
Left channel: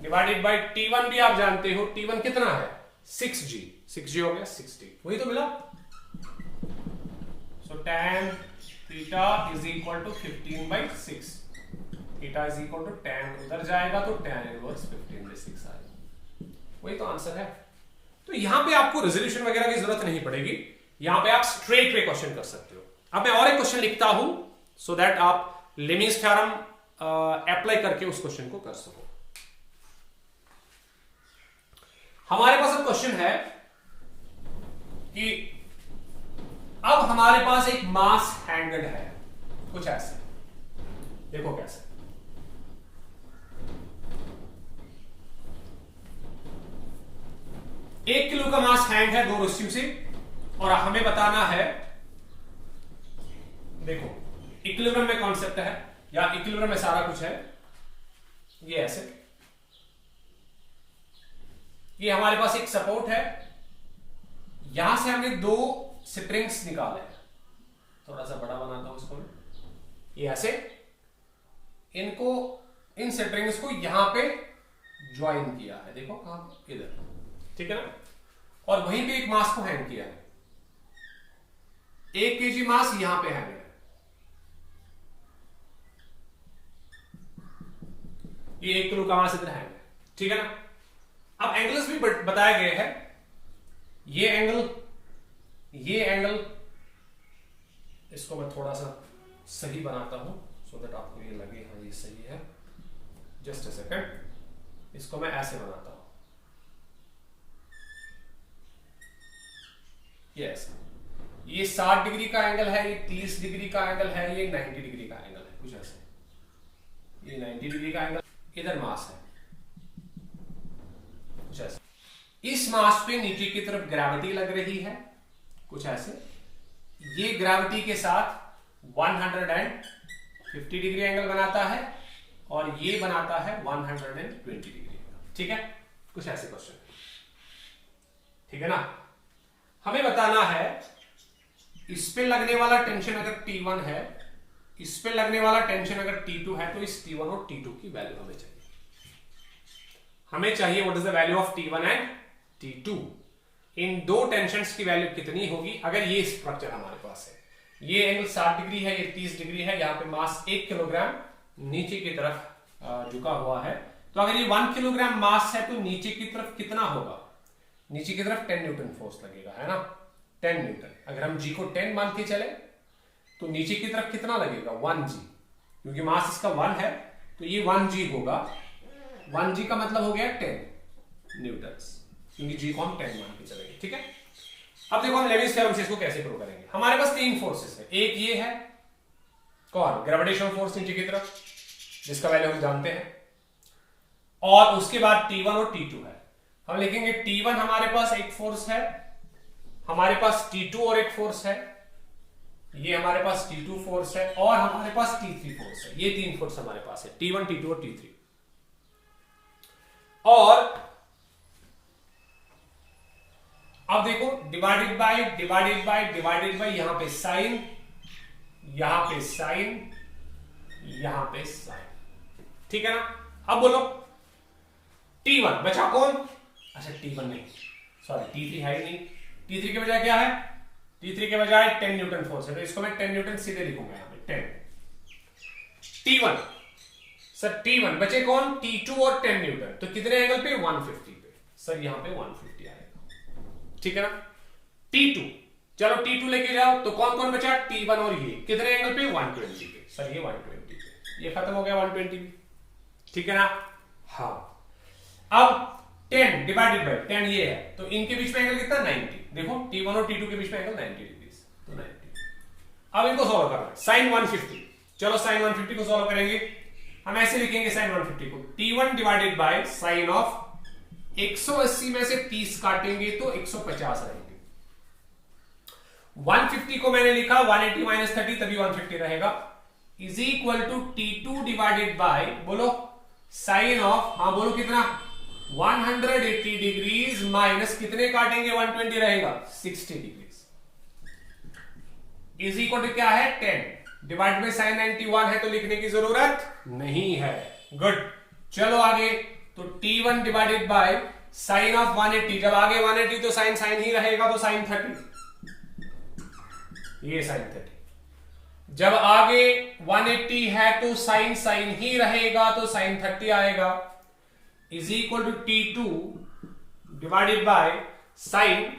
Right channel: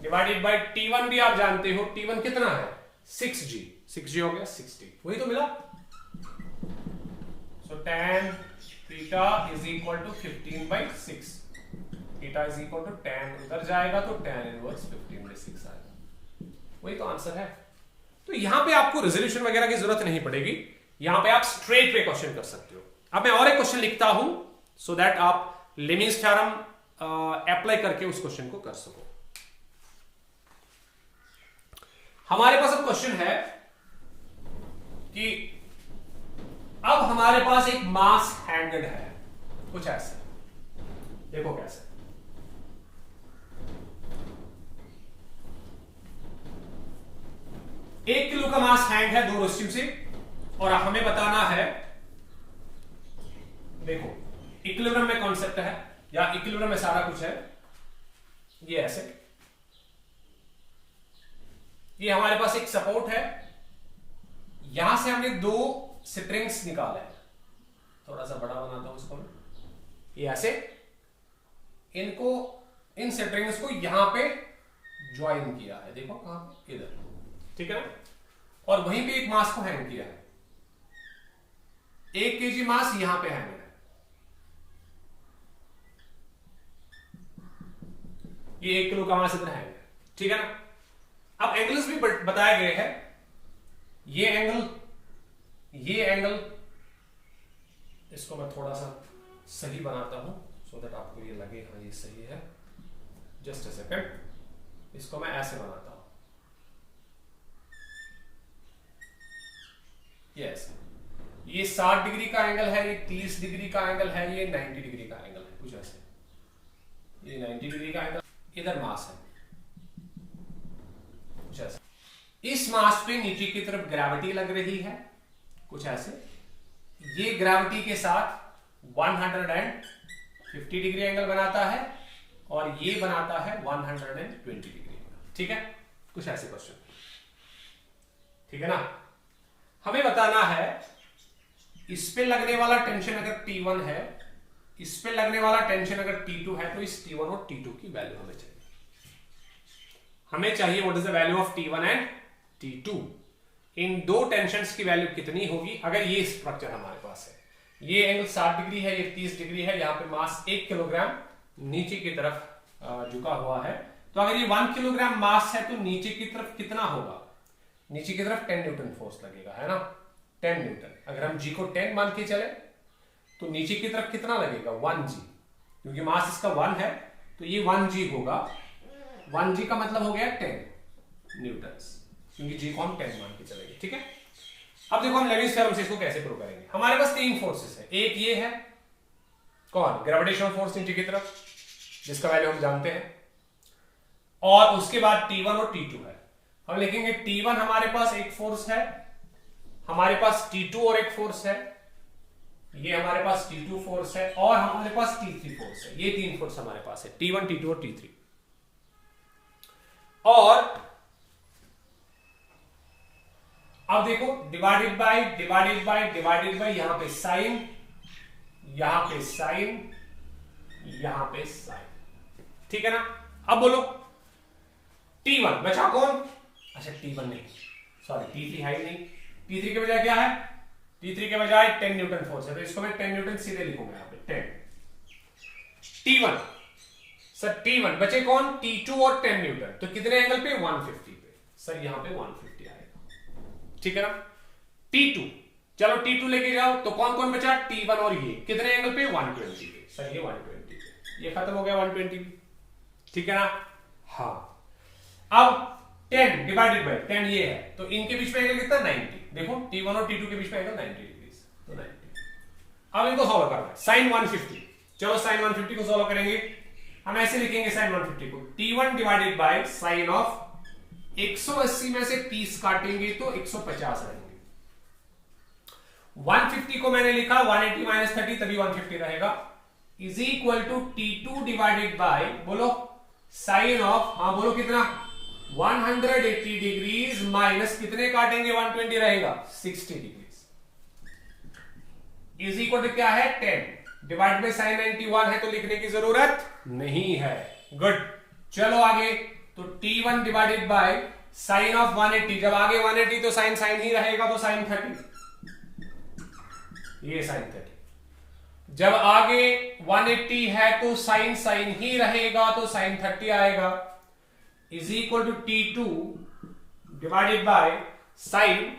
डिवाइडेड बाई T1 भी आप जानते हो, T1 कितना है 6G हो गया 60, वही तो मिला। So tan theta is equal to 15/6, theta is equal to tan उधर जाएगा तो tan इनवर्स 15/6 आएगा, वही तो आंसर है। तो यहां पे आपको रेजोल्यूशन वगैरह की जरूरत नहीं पड़ेगी, यहां पे आप स्ट्रेट वे क्वेश्चन कर सकते हो। अब मैं और एक क्वेश्चन लिखता हूं सो दैट आप लेमिंस थ्योरम अप्लाई करके उस क्वेश्चन को कर सको। हमारे पास अब क्वेश्चन है कि अब हमारे पास एक मास हैंडल है कुछ ऐसे, देखो कैसे। एक किलो का मास हैंड है दो रस्सियों से और हमें बताना है, देखो इक्विलिब्रियम में कॉन्सेप्ट है या इक्विलिब्रियम में सारा कुछ है। ये ऐसे, ये हमारे पास एक सपोर्ट है, यहां से हमने दो स्प्रिंग्स निकाले हैं, थोड़ा सा बड़ा बनाता हूं इसको मैं, ये ऐसे इनको इन स्प्रिंग्स को यहां पे ज्वाइन किया है, देखो कहां पे, इधर, ठीक है ना। और वहीं पे एक मास को हैंग किया है, 1 kg मास यहां पे हैंग है, ये 1 किलो का मास इधर हैंग है, ठीक है ना। अब एंगल्स भी बताए गए हैं, ये एंगल इसको मैं थोड़ा सा सही बनाता हूं सो दैट आपको ये लगे हाँ ये सही है। जस्ट अ सेकंड, इसको मैं ऐसे बनाता हूं, यस, ये 60 डिग्री का एंगल है, ये 30 डिग्री का एंगल है, ये 90 डिग्री का एंगल है, कुछ ऐसे, ये 90 डिग्री का एंगल, इधर मास है कुछ ऐसे। इस मास पे नीचे की तरफ ग्रेविटी लग रही है कुछ ऐसे, ये ग्रेविटी के साथ 150 डिग्री एंगल बनाता है और ये बनाता है 120 डिग्री, ठीक है, कुछ ऐसे क्वेश्चन, ठीक है ना। हमें बताना है इस पे लगने वाला टेंशन अगर T1 है, इस पे लगने वाला टेंशन अगर T2 है, तो इस T1 और T2 की वैल्यू हमें चाहिए। हमें चाहिए what is the value of T1 and T2, इन दो टेंशन्स की वैल्यू कितनी होगी अगर ये स्ट्रक्चर हमारे पास है, ये एंगल 60 डिग्री है, ये 30 डिग्री है, यहाँ पे मास 1 किलोग्राम नीचे की तरफ झुका हुआ है, तो अगर ये 1 किलोग्राम मास है तो नीचे की तरफ कितना होगा, नीचे की तरफ 10 न्यूटन फोर्स लगेगा, है ना, 10 न्यूटन। अगर हम G को 10 मान के चले तो नीचे की तरफ कितना लगेगा 1G, क्योंकि मास इसका 1 है तो ये 1G होगा, 1G का मतलब हो गया 10 न्यूटन, क्योंकि G को हम 10 मान के चलेंगे, ठीक है। अब देखो हम लेविस थ्योरम से इसको कैसे प्रूव करेंगे। हमारे पास 3 फोर्सेस है, एक ये है कौन, ग्रेविटेशनल फोर्स नीचे की तरफ जिसका वैल्यू हम जानते हैं, और उसके बाद T1 और T2 है। हम लिखेंगे T1 हमारे पास एक फोर्स है, हमारे पास T2 और एक फोर्स है, ये हमारे पास T2 फोर्स है, और हमारे पास T3 फोर्स है। ये 3 फोर्स हमारे पास है, T1 T2 और T3। और अब देखो डिवाइडेड बाय यहां पे साइन, यहां पे साइन, यहां पे साइन, ठीक है ना। अब बोलो T1 बचा कौन, अच्छा T1 नहीं, सॉरी T3 है ही नहीं, T3 के बजाय क्या है, T3 के बजाय 10 न्यूटन फोर्स है, तो इसको मैं 10 न्यूटन सीधे लिखूंगा यहां पे 10। T1 सर, T1 बचे कौन, T2 और 10 न्यूटन, तो कितने एंगल पे 150 पे, सर यहां पे 150 आएगा, ठीक है ना। T2, चलो T2 लेके जाओ, तो कौन कौन बचा, T1 और ये कितने एंगल पे 120 पे, सर ये 120 पे, ये खत्म हो गया 120 पे, ठीक है ना। हाँ, अब 10 डिवाइडेड बाय 10 ये है, तो इनके बीच में एंगल कितना 90, देखो T1 और T2 के बीच में एंगल 90 डिग्री, तो 90। अब इनको सॉल्व करना है, साइन 150, चलो साइन 150 को सॉल्व करेंगे, हम ऐसे लिखेंगे साइन 150 को, T1 divided by sign of 180 में से 30 काटेंगे तो 150 रहेंगे, 150 को मैंने लिखा 180 माइनस 30 तभी 150 रहेगा, is equal to T2 divided by, बोलो साइन ऑफ, हाँ बोलो कितना, 180 डिग्रीज माइनस कितने काटेंगे 120 रहेगा 60 डिग्रीज, इज इक्वल टू क्या है 10 डिवाइड बाय साइन 91 है तो लिखने की जरूरत नहीं है। गुड, चलो आगे, तो T1 divided by sign of 180, जब आगे 180 तो साइन साइन ही रहेगा तो साइन 30, ये साइन 30, जब आगे 180 है तो साइन साइन ही रहेगा तो साइन 30 आएगा, is equal to T2 divided by sine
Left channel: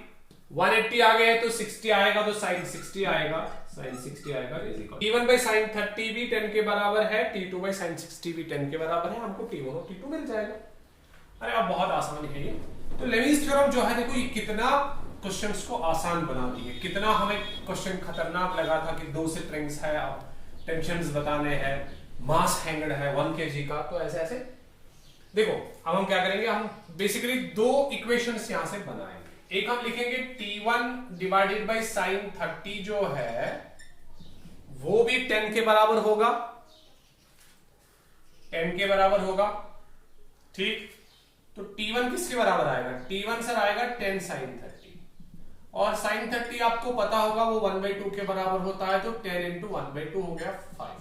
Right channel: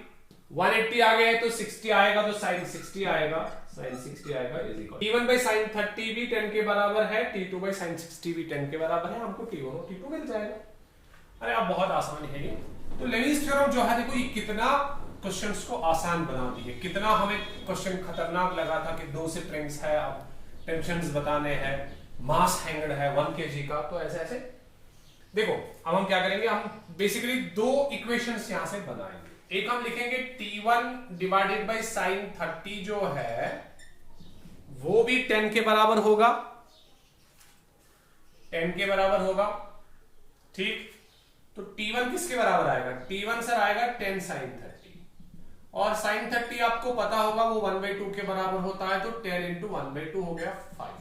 180 आ गया है तो 60 आएगा तो साइन 60 आएगा, साइन 60 आएगा, is equal T1 by sine 30 भी 10 के बराबर है, T2 बाय साइन 60 भी 10 के बराबर है, हमको T1 और T2 मिल जाएगा। अरे अब बहुत आसान है ये। तो लेविस थ्योरम जो है, देखो ये कितना क्वेश्चंस को आसान बना दिए, कितना हमें क्वेश्चन खतरनाक लगा था कि 2 स्प्रिंग्स है, अब टेंशंस बताने हैं, मास हैंगड है 1 kg का, तो ऐसे ऐसे देखो। अब हम क्या करेंगे, हम बेसिकली 2 इक्वेशंस यहां से बनाएंगे। एक हम लिखेंगे T1 डिवाइडेड बाय साइन 30 जो है वो भी 10 के बराबर होगा, 10 के बराबर होगा, ठीक। तो T1 किसके बराबर आएगा, T1 सर आएगा 10 साइन 30, और साइन 30 आपको पता होगा वो 1/2 के बराबर होता है, तो 10 इंटू 1/2 हो गया 5,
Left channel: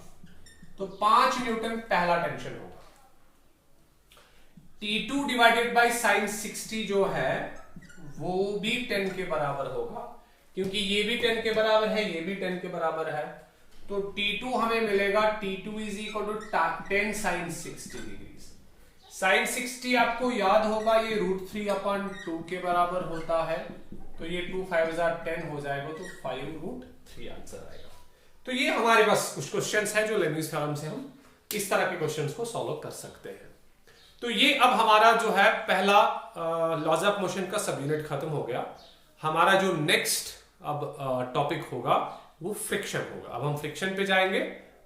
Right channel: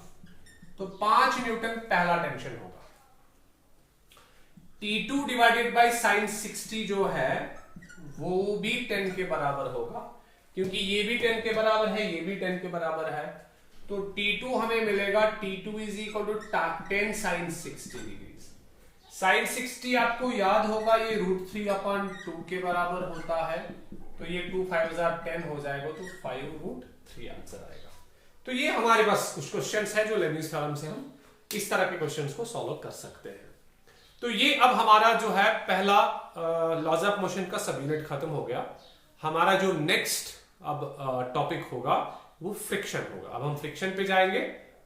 तो 5 न्यूटन पहला टेंशन होगा। T2 डिवाइडेड बाय साइन 60 जो है वो भी 10 के बराबर होगा, क्योंकि ये भी 10 के बराबर है, ये भी 10 के बराबर है, तो T2 हमें मिलेगा, T2 is equal to 10 sine 60 degree. Sine 60 आपको याद होगा ये √3/2 के बराबर होता है, तो ये 2 5 10 हो जाएगा, तो 5√3 आंसर आएगा। तो ये हमारे पास कुछ क्वेश्चंस है जो लेबनिज थ्योरम से हम इस तरह के क्वेश्चंस को सॉल्व कर सकते हैं। तो ये अब हमारा जो है पहला लॉज ऑफ मोशन का सब यूनिट खत्म हो गया। हमारा जो नेक्स्ट अब टॉपिक होगा वो फ्रिक्शन होगा। अब हम फ्रिक्शन पे जाएंगे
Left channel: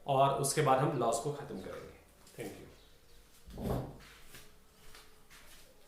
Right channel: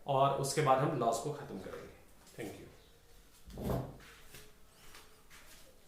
और उसके बाद हम लॉज को खत्म करेंगे। Thank you.